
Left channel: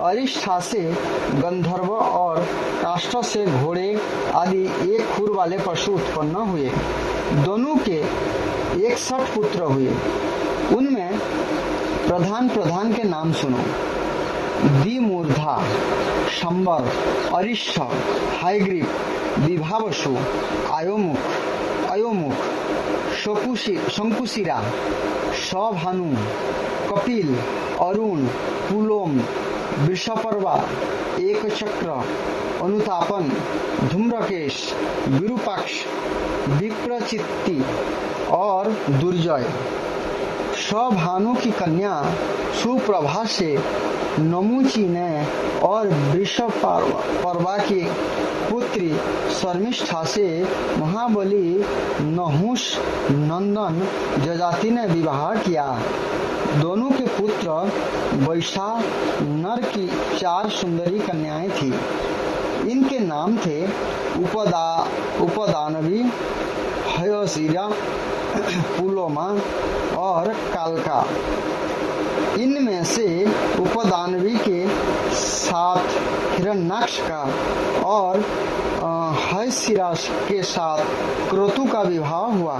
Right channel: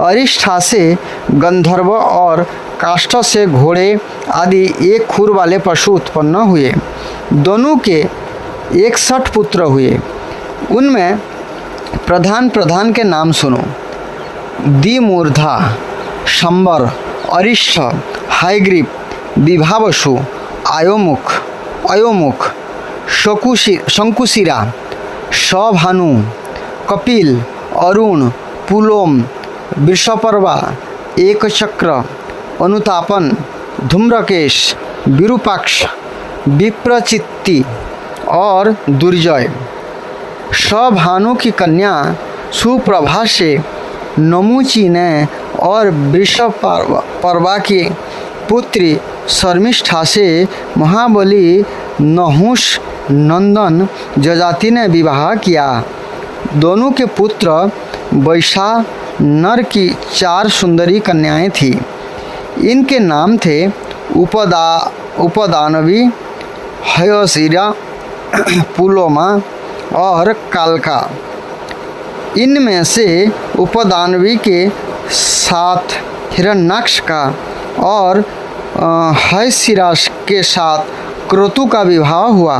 अरिष्ठा से गंधर्व और काष्ठ से घोड़े आदि 1 खुर वाले पशु उत्पन्न हुए। दोनों के 61 पुत्र हुए। उनमें प्रधान के नाम सुनो। दिमूर्धा, शंबर, अरिष्ठ, हायग्रीव, विभावसु, अयोमुख, शंकुशिरा, सभानु, कपिल, अरुण, पुलोम, वृषपर्वा, एकचक्र, अनुतापन, धूम्रकेश, विरूपाक्ष, विप्रचित्ति और दुर्जय। सभानु की कन्या सुप्रभा से नमुची ने और वृषपर्वा की पुत्री शर्मिष्ठा से महाबली नहुष नंदन जजाति ने विवाह किया। दोनों के पुत्र वैशा नर की 4 सुंदरी कन्याएं थी। इनके नाम थे उपदानवी, हयशिरा, पुलोमा और कालका। इनमें से उपदानवी के साथ हिरण्याक्ष का और हयशिरा के साथ क्रतु का विवाह हुआ।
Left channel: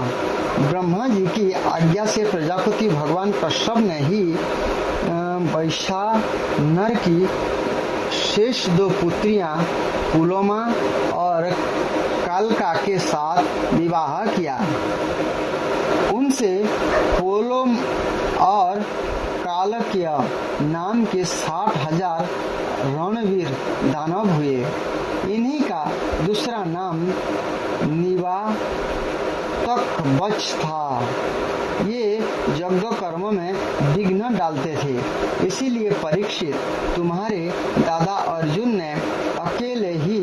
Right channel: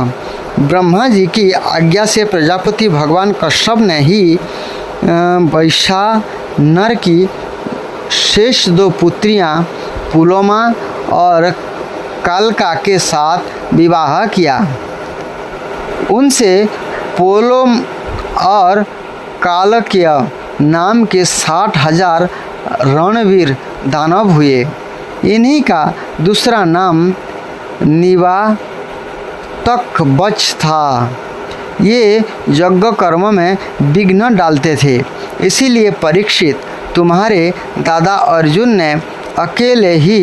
ब्रह्मा जी की आज्ञा से प्रजापति भगवान कश्यप ने ही वैशा नर की शेष 2 पुत्रियां पुलोमा और कालका के साथ विवाह किया। उनसे पोलोम और कालक्य नाम के 60,000 रणवीर दानव हुए। इन्हीं का दूसरा नाम निवातकवच था। ये यज्ञ कर्म में विघ्न डालते थे, इसीलिए परीक्षित तुम्हारे दादा अर्जुन ने अकेले ही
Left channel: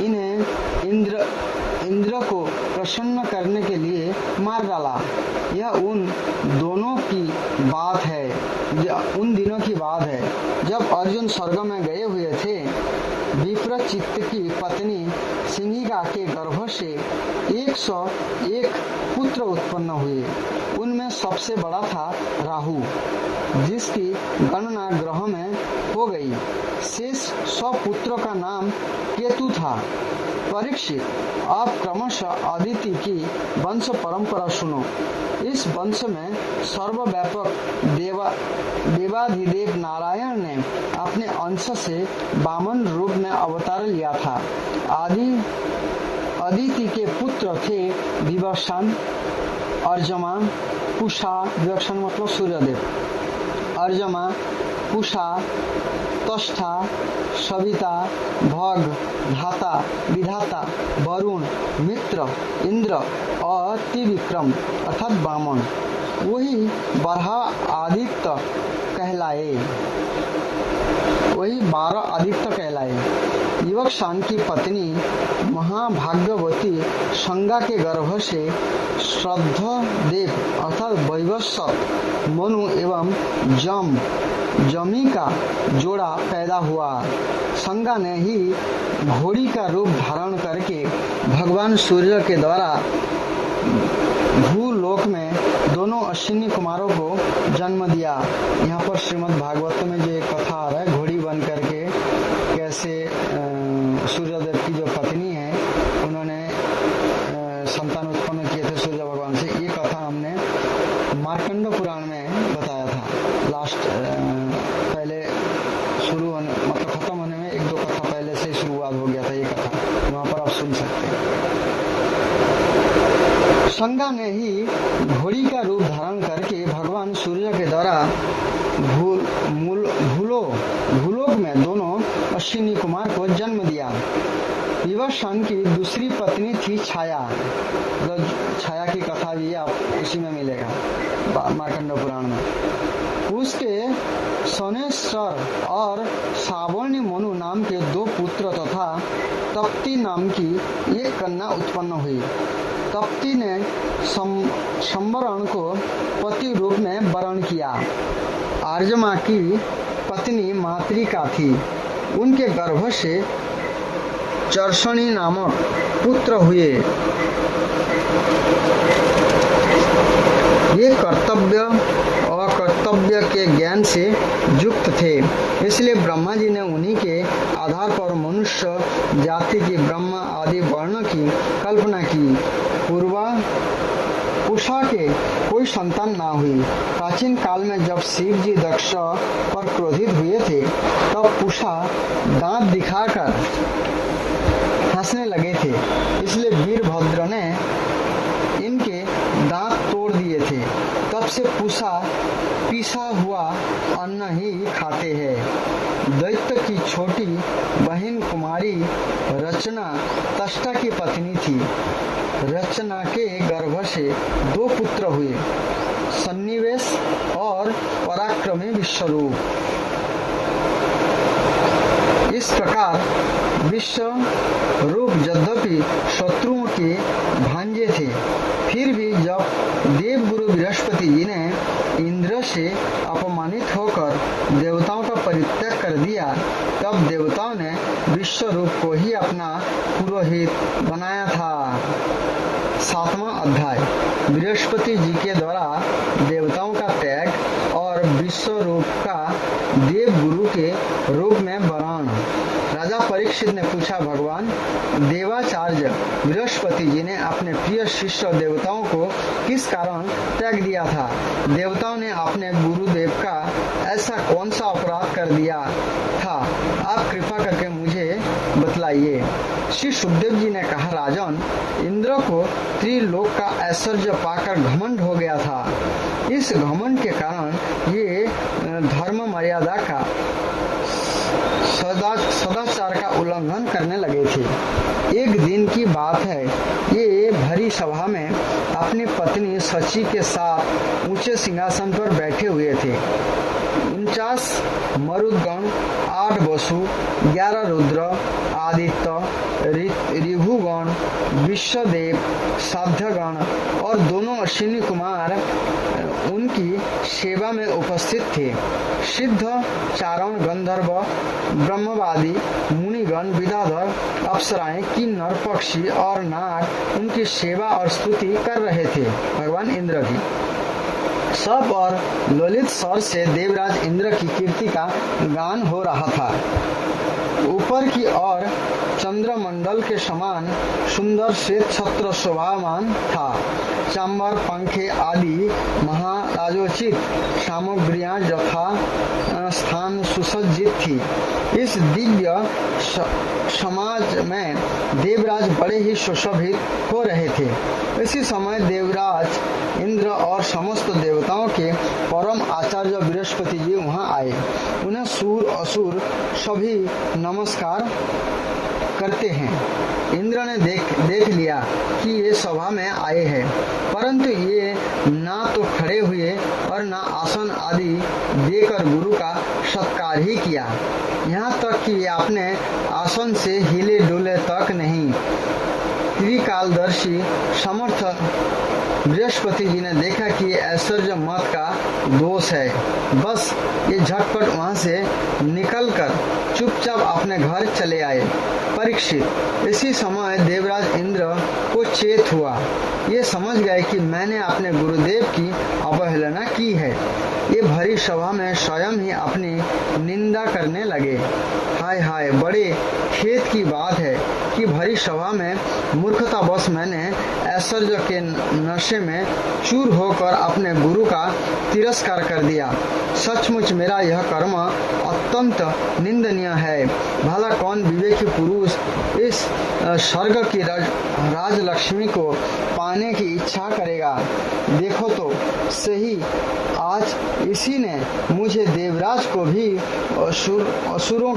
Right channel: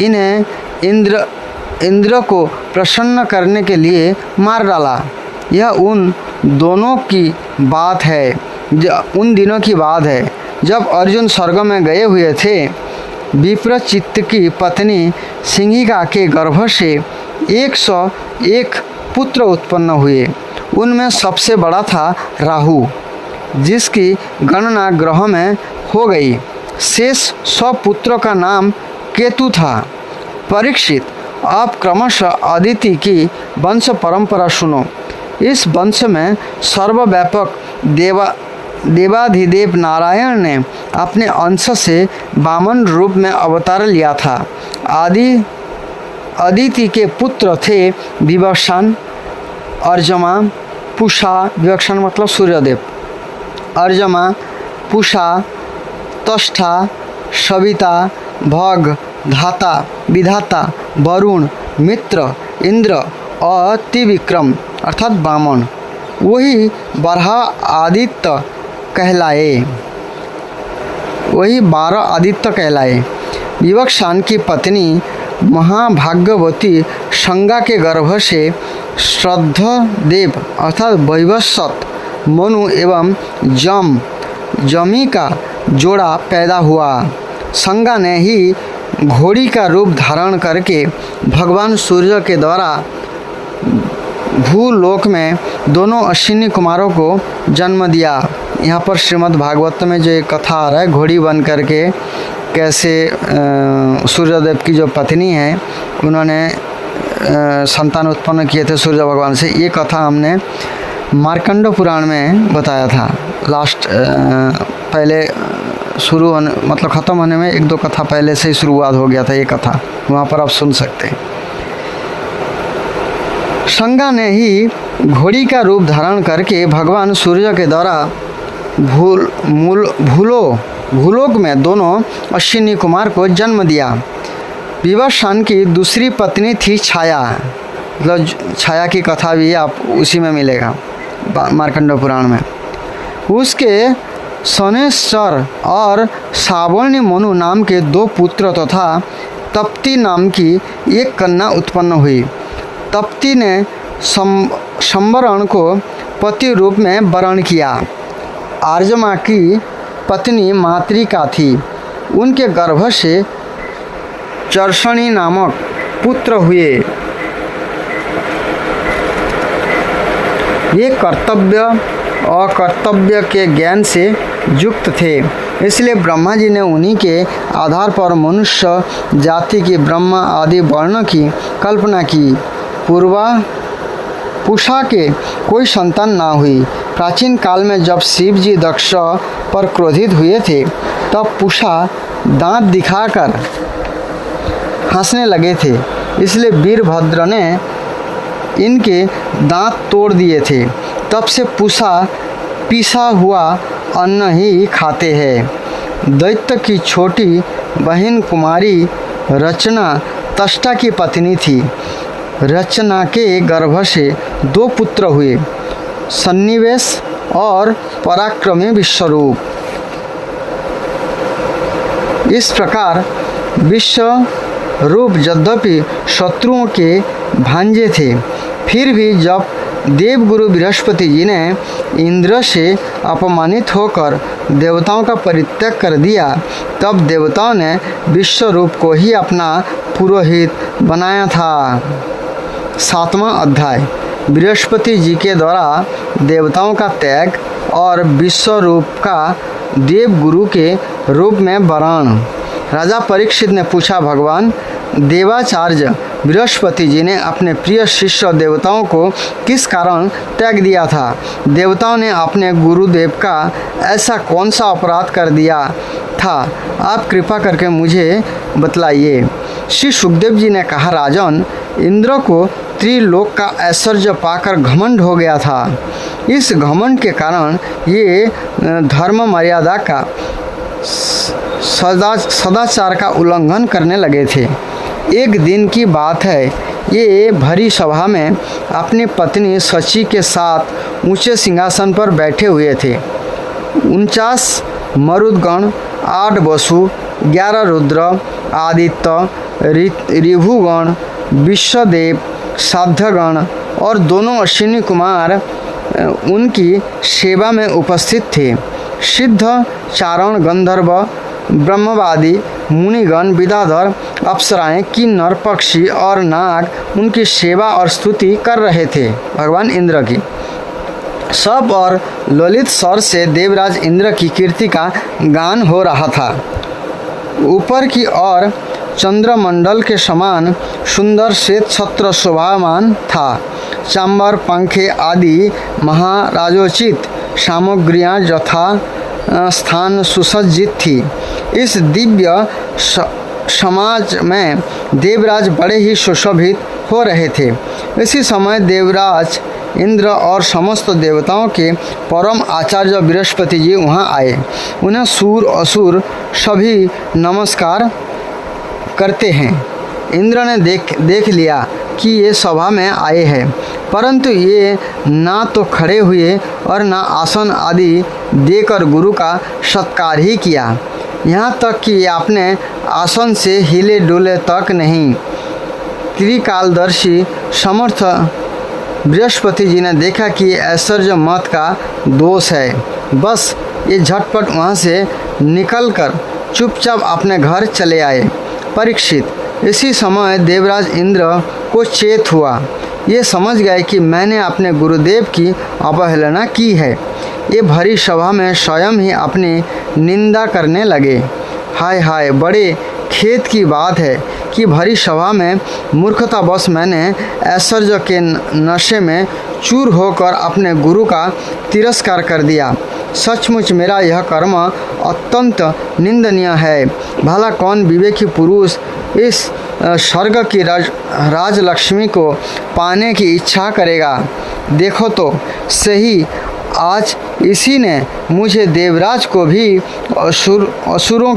इन्हें इंद्र को प्रसन्न करने के लिए मार डाला। यह उन दिनों की बात है जब अर्जुन स्वर्ग में गए हुए थे। विप्रचित्त की पत्नी सिंहिका के गर्भ से 101 पुत्र उत्पन्न हुए। उनमें सबसे बड़ा था राहु, जिसकी गणना ग्रह में हो गई। शेष 100 पुत्रों का नाम केतु था। परीक्षित, आप क्रमशः अदिति की वंश परंपरा सुनो। इस वंश में सर्वव्यापक देवाधिदेव नारायण ने अपने अंश से वामन रूप में अवतार लिया था। अदिति के पुत्र थे विवक्षण, अर्जमा, पुषा। विवक्षण मतलब सूर्यदेव। अर्जमा, पुषा, तष्ठा, सविता, भग, धाता, विधाता, वरुण, मित्र, इंद्र और त्रिविक्रम अर्थात वामन। वही 12 आदित्य कहलाए। विवक्षण की पत्नी महाभाग्यवती संगा के गर्भ से श्रद्धदेव अर्थात वैवस्वत मनु एवं जमी का जोड़ा पैदा हुआ। संगा ने ही घोड़ी का रूप धारण करके भगवान सूर्य के द्वारा भूलोक में दोनों अश्विनी कुमारों को जन्म दिया। यहाँ पर श्रीमद् भागवत में जो एक कथा आ रहा है, घोड़ी बन करके कैसे सूर्यदेव की जो पत्नी है उन्होंने संतान उत्पन्न किए थे सूर्य भगवान से, ये कथा हमने मार्कंड पुराण में बताया था। लास्ट पहले शुरू होने मतलब ख़त्म होने में एक दो कथा पहले से ही शुरुआत हो गया था ये कथा, वहाँ पर आप सुन सकते हैं। संगा ने ही घोड़ी का रूप धारण करके भगवान सूर्य के द्वारा भूलोक में दोनों अश्विनी कुमार को जन्म दिया। विवस्वान की दूसरी पत्नी थी छाया, मतलब छाया की कथा भी आप उसी में मिलेगा मार्कंड पुराण में। उसके सनेश्वर और सावर्णी मनु नाम के दो पुत्र तथा तप्ती नाम की एक कन्या उत्पन्न हुई। तप्ती ने संवरण को पति रूप में वरण किया। आर्यमा की पत्नी मातृका थी, उनके गर्भ से चर्षणी नामक पुत्र हुए। ये कर्तव्य और कर्तव्य के ज्ञान से युक्त थे, इसलिए ब्रह्मा जी ने उन्हीं के आधार पर मनुष्य जाति की ब्रह्मा आदि वर्ण की कल्पना की। पूषा के कोई संतान ना हुई। प्राचीन काल में जब शिव जी दक्ष पर क्रोधित हुए थे तब पूषा दांत दिखाकर हंसने लगे थे, इसलिए वीरभद्र ने इनके दांत तोड़ दिए थे। तब से पूषा पिसा हुआ अन्न ही खाते हैं। दैत्य की छोटी बहन कुमारी रचना तष्टा की पत्नी थी। रचना के गर्भ से दो पुत्र हुए, सन्निवेश और पराक्रमी विश्वरूप। इस प्रकार विश्वरूप यद्यपि शत्रुओं के भांजे थे, फिर भी जब देवगुरु बृहस्पति जी ने इंद्र से अपमानित होकर देवताओं का परित्याग कर दिया, तब देवताओं ने विश्वरूप को ही अपना पुरोहित बनाया था। 7वां अध्याय बृहस्पति जी के द्वारा देवताओं का त्याग और विश्वरूप का देवगुरु के रूप में वरण। राजा परीक्षित ने पूछा, भगवान देवाचार्य बृहस्पति जी ने अपने प्रिय शिष्य देवताओं को किस कारण त्याग दिया था? देवताओं ने अपने गुरुदेव का ऐसा कौन सा अपराध कर दिया था? आप कृपा करके मुझे बतलाइए। श्री सुखदेव जी ने कहा, राजन, इंद्र को त्रिलोक का ऐश्वर्य पाकर घमंड हो गया था। इस घमंड के कारण ये धर्म मर्यादा का सदाचार का उल्लंघन करने लगे थे। एक दिन की बात है, ये भरी सभा में अपनी पत्नी शची के साथ ऊंचे सिंहासन पर बैठे हुए थे। 49 मरुदगण, 8 वसु, 11 रुद्र, आदित्य, ऋभुगण, विश्वदेव, साध्यगण और दोनों अश्विनी कुमार उनकी सेवा में उपस्थित थे। सिद्ध, चारण, गंधर्व, ब्रह्मवादी, मुनिगण, विद्याधर, अप्सराएं, किन्नर, पक्षी और नाग उनकी सेवा और स्तुति कर रहे थे भगवान इंद्र की। सब और ललित स्वर से देवराज इंद्र की कीर्ति का गान हो रहा था। ऊपर की ओर चंद्रमंडल के समान सुंदर श्वेत छत्र शोभामान था। चांबर, पंखे आदि महाराजोचित सामग्रियां यथा स्थान सुसज्जित थी। इस दिव्य समाज में देवराज बड़े ही सुशोभित हो रहे थे। इसी समय देवराज इंद्र और समस्त देवताओं के परम आचार्य बृहस्पति जी वहाँ आए। उन्हें सूर असुर सभी नमस्कार करते हैं। इंद्र ने देख लिया कि ये सभा में आए हैं, परंतु ये ना तो खड़े हुए और ना आसन आदि देकर गुरु का सत्कार ही किया। यहाँ तक कि आपने आसन से हिले डुले तक नहीं। त्रिकालदर्शी समर्थ बृहस्पति जी ने देखा कि ये ऐश्वर्य मत का दोष है। बस ये झटपट वहाँ से निकलकर चुपचाप अपने घर चले आए। परीक्षित, इसी समय देवराज इंद्र को चेत हुआ। ये समझ गए कि मैंने अपने गुरुदेव की अवहेलना की है। ये भरी सभा में स्वयं ही अपनी निंदा करने लगे। हाय हाय, बड़े खेद की बात है कि भरी सभा में मूर्खतावश मैंने ऐश्वर्य के नशे में चूर होकर अपने गुरु का तिरस्कार कर दिया। सचमुच मेरा यह कर्म अत्यंत निंदनीय है। भला कौन विवेकी पुरुष इस स्वर्ग की राजलक्ष्मी को पाने की इच्छा करेगा। देखो तो सही, आज इसी ने मुझे देवराज को भी असुरों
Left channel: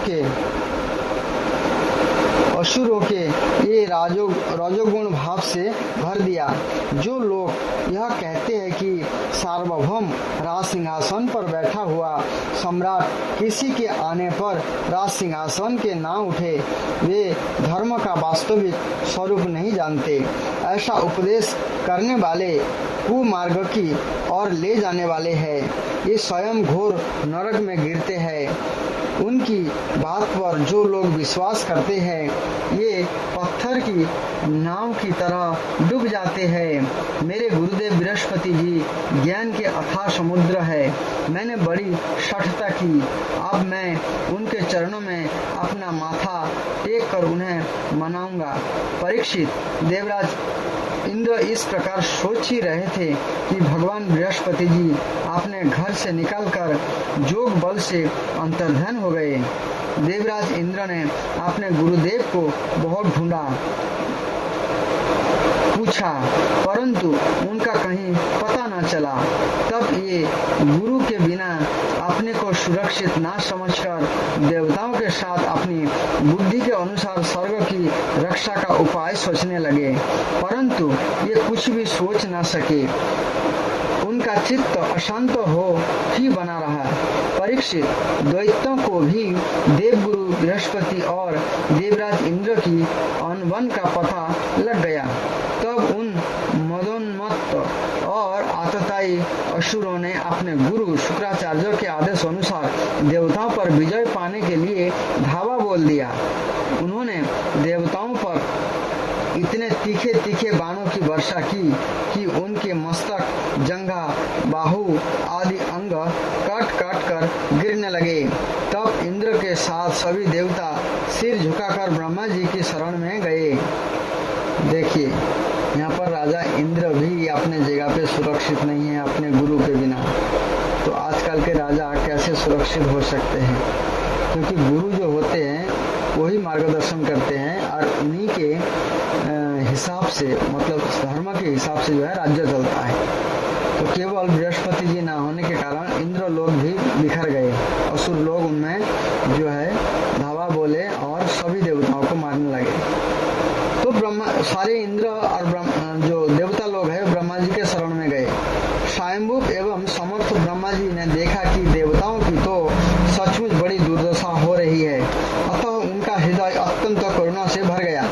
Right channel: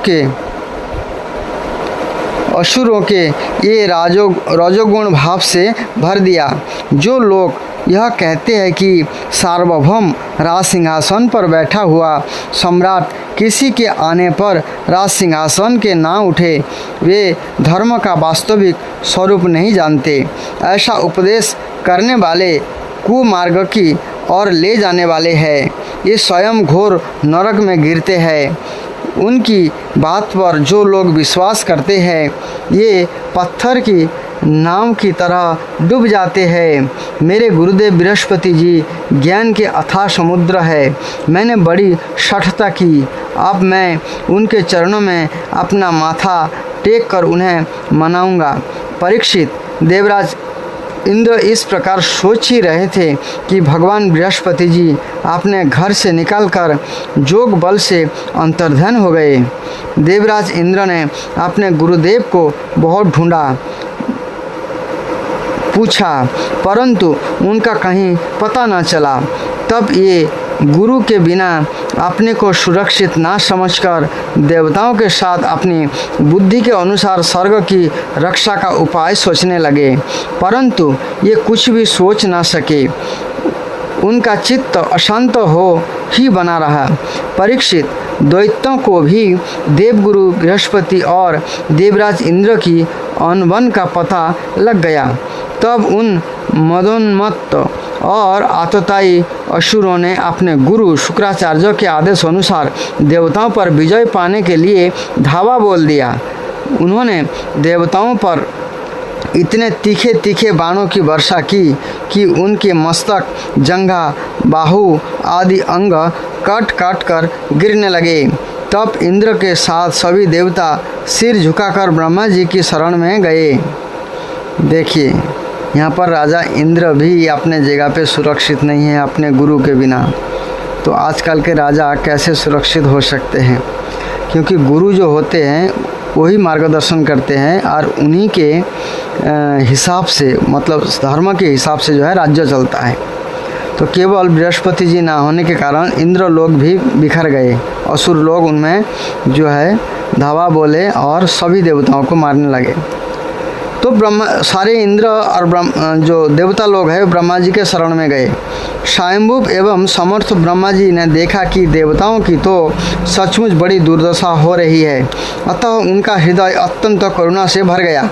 के ये रजोगुण भाव से भर दिया। जो लोग यह कहते हैं कि सार्वभौम राज सिंहासन पर बैठा हुआ सम्राट किसी के आने पर राज सिंहासन के ना उठे, वे धर्म का वास्तविक स्वरूप नहीं जानते। ऐसा उपदेश करने वाले कुमार्ग की ओर ले जाने वाले हैं। ये स्वयं घोर नरक में गिरते हैं। उनकी बात पर जो लोग विश्वास करते हैं, ये पत्थर की नाव की तरह डूब जाते हैं। मेरे गुरुदेव बृहस्पति जी ज्ञान के अथाह समुद्र है। मैंने बड़ी शठता की। अब मैं उनके चरणों में अपना माथा टेक कर उन्हें मनाऊंगा। परीक्षित, देवराज इंद्र इस प्रकार सोच ही रहे थे कि भगवान बृहस्पति जी अपने घर से निकलकर जोग बल से अंतर्ध्यान हो गए। देवराज इंद्र ने अपने गुरुदेव को बहुत ढूंढा, पूछा, परंतु उनका कहीं पता न चला। तब ये गुरु के बिना अपने को सुरक्षित ना समझकर देवताओं के साथ अपनी बुद्धि के अनुसार स्वर्ग की रक्षा का उपाय सोचने लगे, परंतु ये कुछ भी सोच ना सके। उनका चित्त अशांत हो ही बना रहा। परीक्षित, दैत्यों को भी देवगुरु बृहस्पति और देवराज इंद्र की अनबन का पता लग गया। तब उन मदोन्मत्त और आतताई असुरों ने अपने गुरु शुक्राचार्य के आदेश अनुसार देवताओं पर विजय पाने के लिए धावा बोल दिया। उन्होंने देवताओं पर इतने तीखे तीखे बाणों की वर्षा की कि उनके मस्तक, जंघा, बाहु आदि अंग काट काट कर गिरने लगे। तब इंद्र के साथ सभी देवता सिर झुकाकर ब्रह्मा जी की शरण में गए। देखिए, यहाँ पर राजा इंद्र भी अपने जगह पे सुरक्षित नहीं है अपने गुरु के बिना। तो आजकल के राजा कैसे सुरक्षित हो सकते हैं? क्योंकि गुरु जो होते हैं वही मार्गदर्शन करते हैं और उन्हीं के हिसाब से, मतलब धर्म के हिसाब से जो है राज्य चलता है। तो केवल बृहस्पति जी ना होने के कारण इंद्र लोग भी बिखर गए। असुर लोग उनमें जो है धावा बोले और सभी देवताओं को मारने लगे। तो सारे इंद्र और जो देवता लोग हैं ब्रह्मा जी के शरण में गए। स्वयंभू एवं समर्थ ब्रह्मा जी ने देखा कि देवताओं की तो सचमुच बड़ी दुर्दशा हो रही है, अतः उनका हृदय अत्यंत करुणा से भर गया।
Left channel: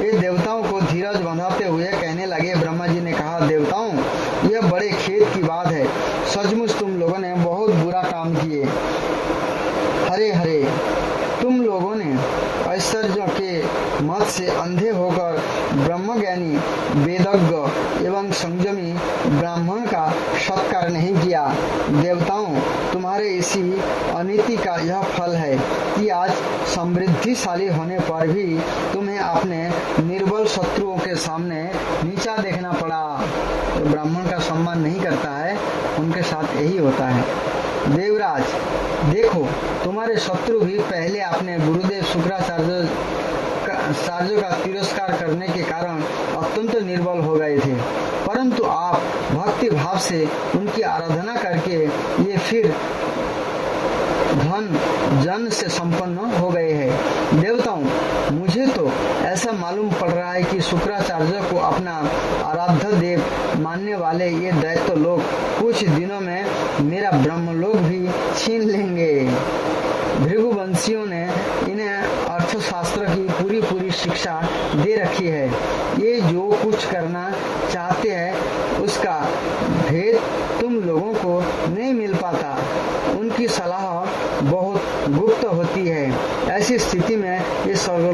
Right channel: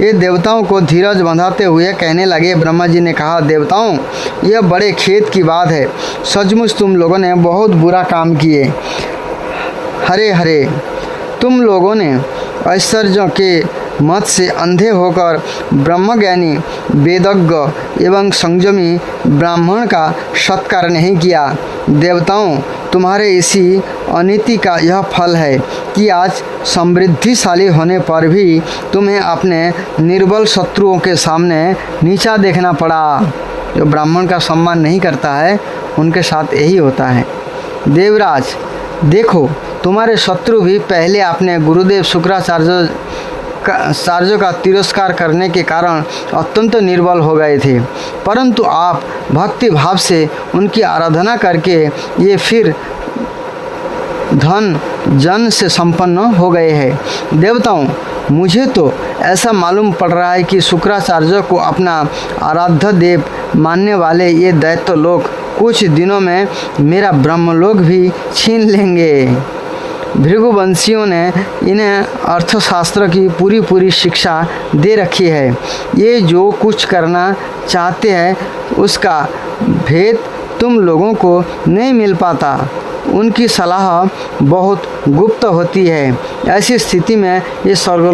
ये देवताओं को धीरज बंधाते हुए कहने लगे। ब्रह्मा जी ने कहा, देवताओं, यह बड़े खेद की बात है। सचमुच तुम लोगों ने बहुत बुरा काम किए। हरे हरे, तुम लोगों ने ऐश्वर्यों के मत से अंधे होकर ब्रह्मज्ञानी, वेदज्ञ एवं संयमी ब्राह्मण का सत्कार नहीं किया। देवताओं, तुम्हारे इसी अनीति का यह फल है कि आज समृद्धिशाली होने पर भी तुम्हें अपने निर्बल शत्रुओं के सामने नीचा देखना पड़ा। जो ब्राह्मण का सम्मान नहीं करता है उनके साथ यही होता है। देवराज, देखो, तुम्हारे शत्रु भी पहले अपने गुरुदेव शुक्राचार्य का तिरस्कार करने के कारण अत्यंत निर्बल हो गए थे, परंतु आप भक्ति भाव से उनकी आराधना करके ये फिर धन जन से संपन्न हो गए हैं। देवताओं, मुझे तो ऐसा मालूम पड़ रहा है कि शुक्राचार्य को अपना आराध्य देव मानने वाले ये दैत्य लोग कुछ दिनों में मेरा ब्रह्मलोक भी छीन लेंगे। भृगुवंशियों ने इन्हें अर्थशास्त्र की पूरी शिक्षा दे रखी है। ये जो कुछ करना चाहते हैं उसका भेद तुम लोगों को नहीं मिल पाता। उनकी सलाह बहुत गुप्त होती है। ऐसी स्थिति में ये स्वर्ग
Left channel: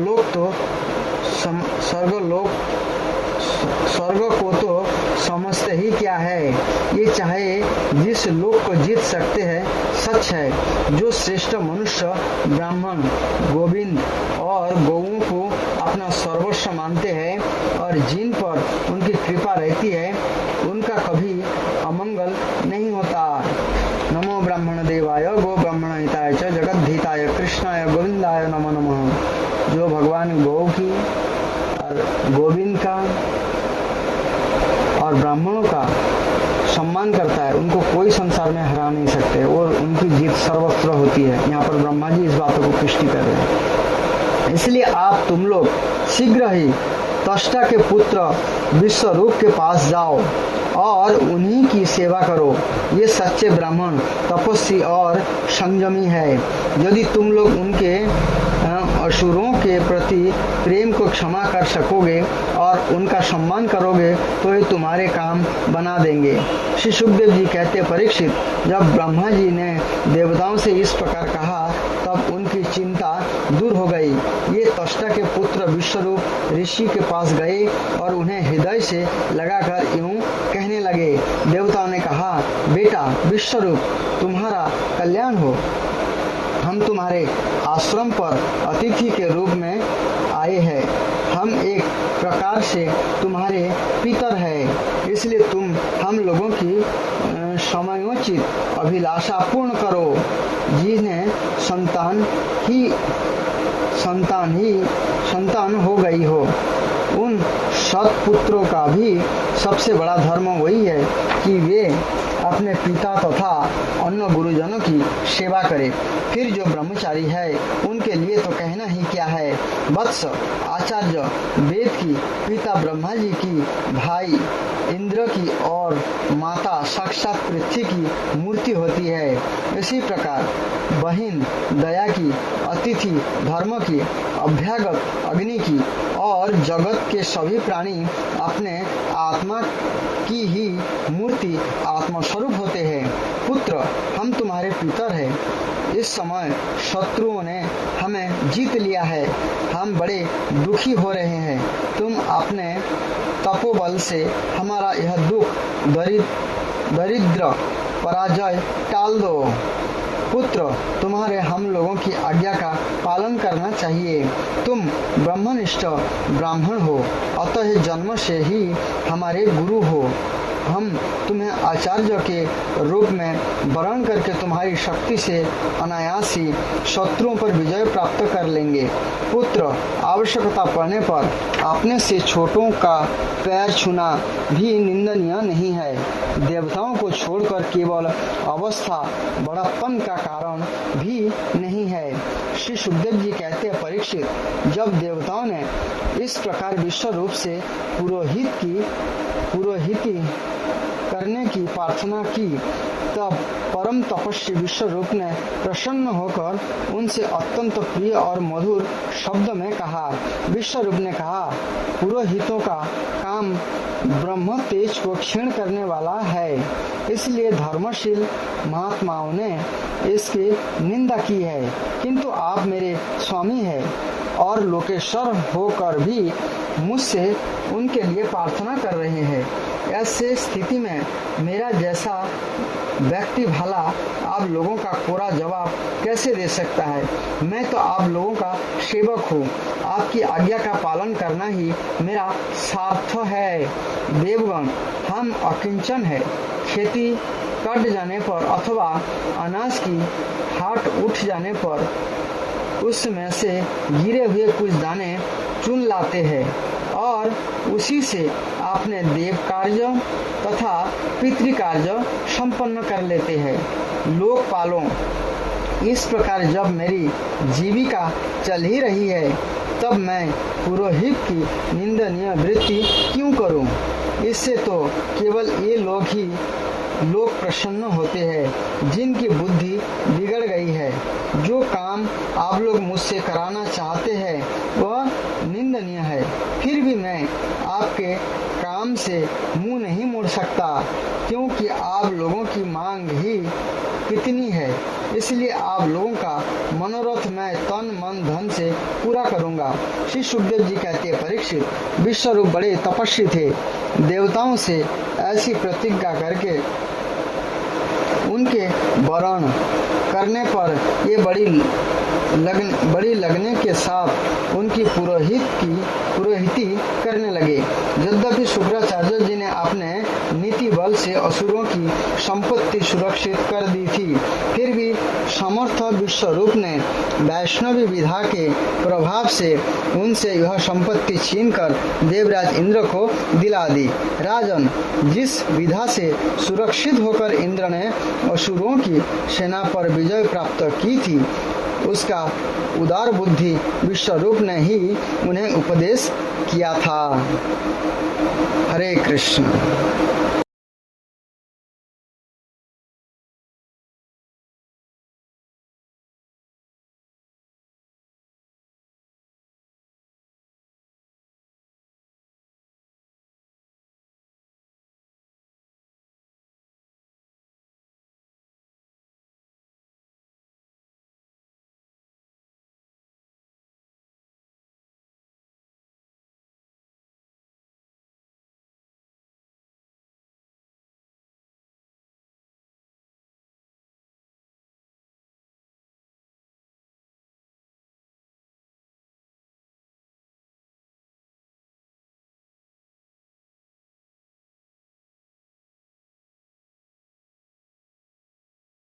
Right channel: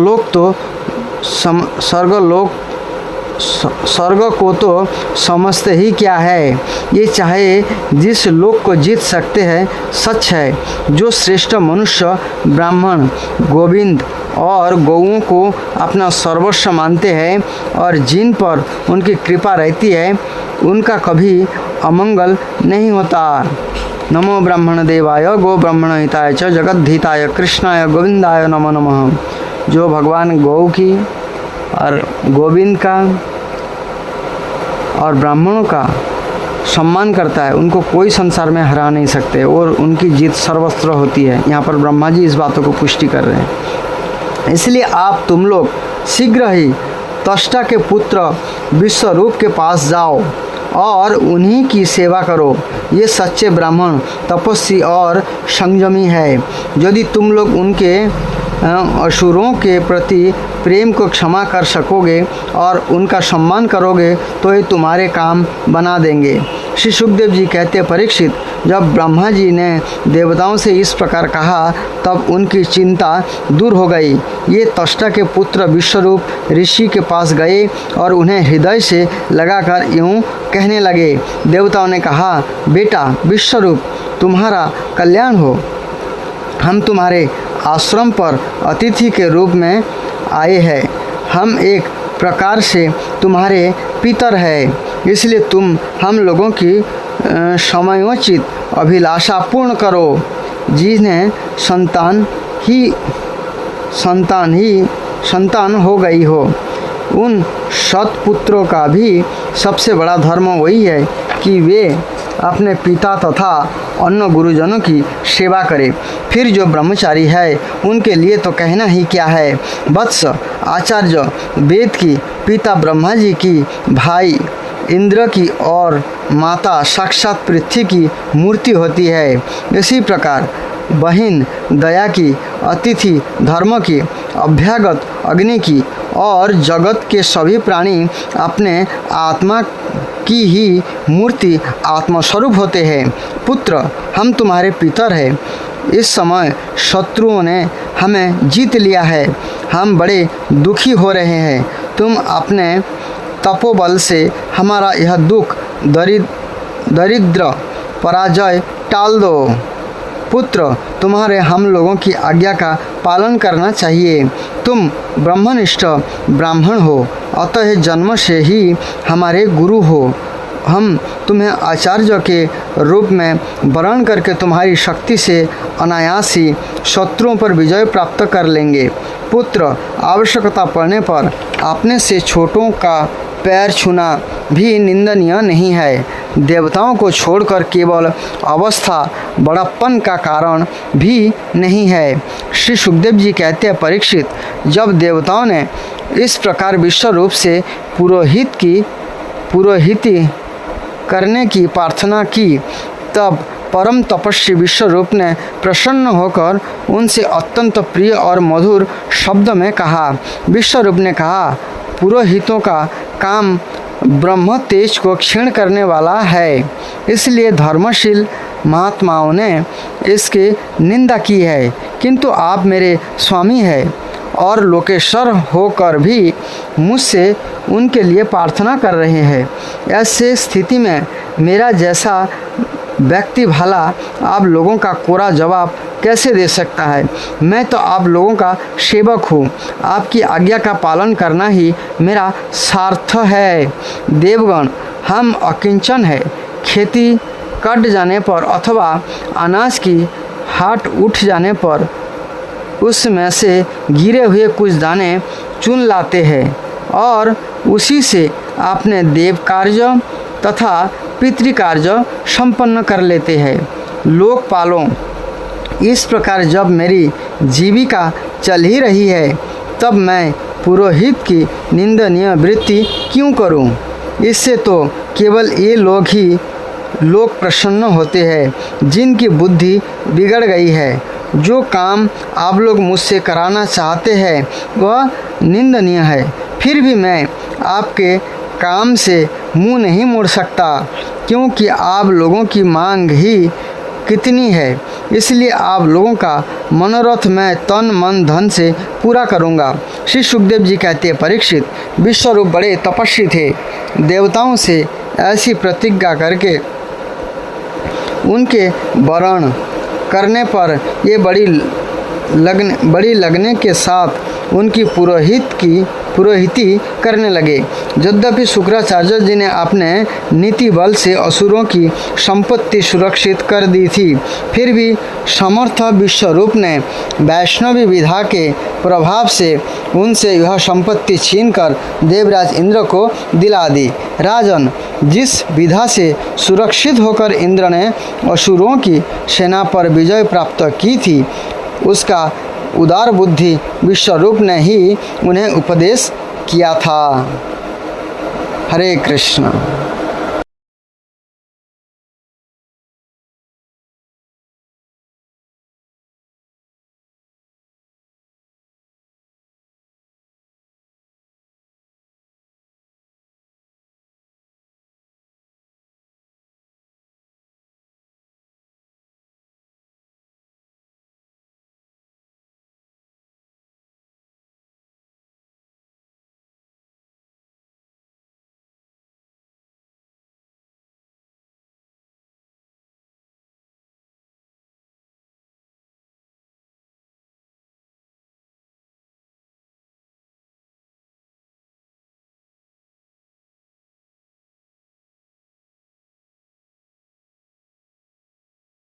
को तो समझते ही क्या है। ये चाहे जिस लोक को जीत सकते हैं सच है। जो श्रेष्ठ मनुष्य ब्राह्मण गोविंद और गौओं को अपना सर्वस्व मानते हैं और जिन पर उनकी कृपा रहती है उनका कभी अमंगल नहीं होता। नमो ब्राह्मण देवाय गो ब्राह्मण हिताय च जगद्धिताय कृष्णाय गोविंदाय नमो नमः। जो भगवान गौ की और गोविंद का और ब्राह्मणों का सम्मान करता है उनको कोई संसार में हरा नहीं सकते और उनकी जीत सर्वत्र होती है। यहाँ पर ब्रह्मा जी इस बातों को पुष्टि कर रहे हैं। इसलिए आप तुम लोग शीघ्र ही त्वष्टा के पुत्र विश्वरूप के पास जाओ और उन्हीं की सेवा करो। ये सच्चे ब्राह्मण तपस्वी और संयमी है। यदि तुम लोग उनके असुरों के प्रति प्रेम को क्षमा कर सकोगे और उनका सम्मान करोगे तो ये तुम्हारे काम बना देंगे। श्री सुखदेव जी कहते परीक्षित, जब ब्रह्मा जी ने देवताओं से इस प्रकार कहा तब उनकी चिंता दूर हो गई। ये त्वष्टा के पुत्र विश्वरूप ऋषि के पास गए और उन्हें हृदय से लगाकर यूँ कहने लगे। देवताओं ने कहा, बेटा विश्वरूप तुम्हारा कल्याण हो। हम तुम्हारे आश्रम पर अतिथि के रूप में आए हैं। हम एक प्रकार से तुम्हारे पितर हैं। इसलिए तुम हम लोगों की समयोचित अभिलाषा पूर्ण करो। जिन्हें संतान हो गई हो उन सत्पुत्रों का भी सबसे बड़ा धर्म वही है कि वे अपने पिता तथा अन्य गुरुजनों की सेवा करें। फिर जो ब्रह्मचारी है उनके लिए तो कहना ही क्या है। वत्स आचार्य वेद की, पिता ब्रह्मा जी की, भाई इंद्र की और माता साक्षात पृथ्वी की मूर्ति होती है। इसी प्रकार बहिन दया की, अतिथि धर्म की, अभ्यागत अग्नि की और जगत के सभी प्राणी अपने आत्मा की ही मूर्ति आत्मस्वरूप होते हैं। पुत्र हम तुम्हारे पितर हैं। इस समय शत्रुओं ने हमें जीत लिया है। हम बड़े दुखी हो रहे हैं। तुम अपने तपोबल से हमारा यह दुख दरिद्र पराजय टाल दो। पुत्र तुम्हारे हम लोगों की आज्ञा का पालन करना चाहिए। तुम ब्रह्मनिष्ठ ब्राह्मण हो, अतः जन्म से ही हमारे गुरु हो। हम तुम्हें आचार्य के रूप में वर्ण करके तुम्हारी शक्ति से अनायास ही शत्रुओं पर विजय प्राप्त कर लेंगे। पुत्र आवश्यकता पड़ने पर अपने से छोटों का पैर छूना भी निंदनीय नहीं है। देवताओं को छोड़कर केवल अवस्था बड़प्पन का कारण भी नहीं है। श्री सुखदेव जी कहते हैं परीक्षित, जब देवताओं ने इस प्रकार विश्व रूप से पुरोहिती करने की प्रार्थना की तब परम तपस्वी विश्वरूप ने प्रसन्न होकर उनसे अत्यंत प्रिय और मधुर शब्द में कहा। विश्वरूप ने कहा, पुरोहितों का काम ब्रह्म तेज को क्षीण करने वाला है, इसलिए धर्मशील महात्माओं ने इसकी निंदा की है। किंतु आप मेरे स्वामी हैं और लोकेश्वर होकर भी मुझसे उनके लिए प्रार्थना कर रहे हैं। ऐसे स्थिति में मेरा जैसा व्यक्ति भला आप लोगों का कोरा जवाब कैसे दे सकता है। मैं तो आप लोगों का सेवक हूँ। आपकी आज्ञा का पालन करना ही मेरा सार्थ है। देवगण हम अकिंचन है। खेती कट जाने पर अथवा अनाज की हाट उठ जाने पर उसमें से गिरे हुए कुछ दाने चुन लाते हैं और उसी से अपने देव कार्य तथा पितृकार्य संपन्न कर लेते हैं। लोकपालों, इस प्रकार जब मेरी जीविका चल ही रही है तब मैं पुरोहित की निंदनीय वृत्ति क्यों करूं? इससे तो केवल ये लोग प्रसन्न होते हैं जिनकी बुद्धि बिगड़ गई है जो काम आप लोग मुझसे कराना चाहते हैं वह निंदनीय है, फिर भी मैं आपके काम से मुंह नहीं मोड़ सकता, क्योंकि आप लोगों की मांग ही कितनी है। इसलिए आप लोगों का मनोरथ मैं तन मन धन से पूरा करूंगा। श्री सुखदेव जी कहते हैं, परीक्षित, विश्वरूप बड़े तपस्वी थे। देवताओं से ऐसी प्रतिज्ञा करके उनके वरण करने पर ये बड़ी लगने के साथ उनकी पुरोहिती करने लगे। यद्यपि शुक्राचार्य जी ने अपने नीति बल से असुरों की संपत्ति सुरक्षित कर दी थी, फिर भी समर्थ विश्वरूप ने वैष्णवी विधा के प्रभाव से उनसे यह संपत्ति छीनकर देवराज इंद्र को दिला दी। राजन, जिस विधा से सुरक्षित होकर इंद्र ने असुरों की सेना पर विजय प्राप्त की थी, उसका उदार बुद्धि विश्वरूप ने ही उन्हें उपदेश किया था। हरे कृष्ण।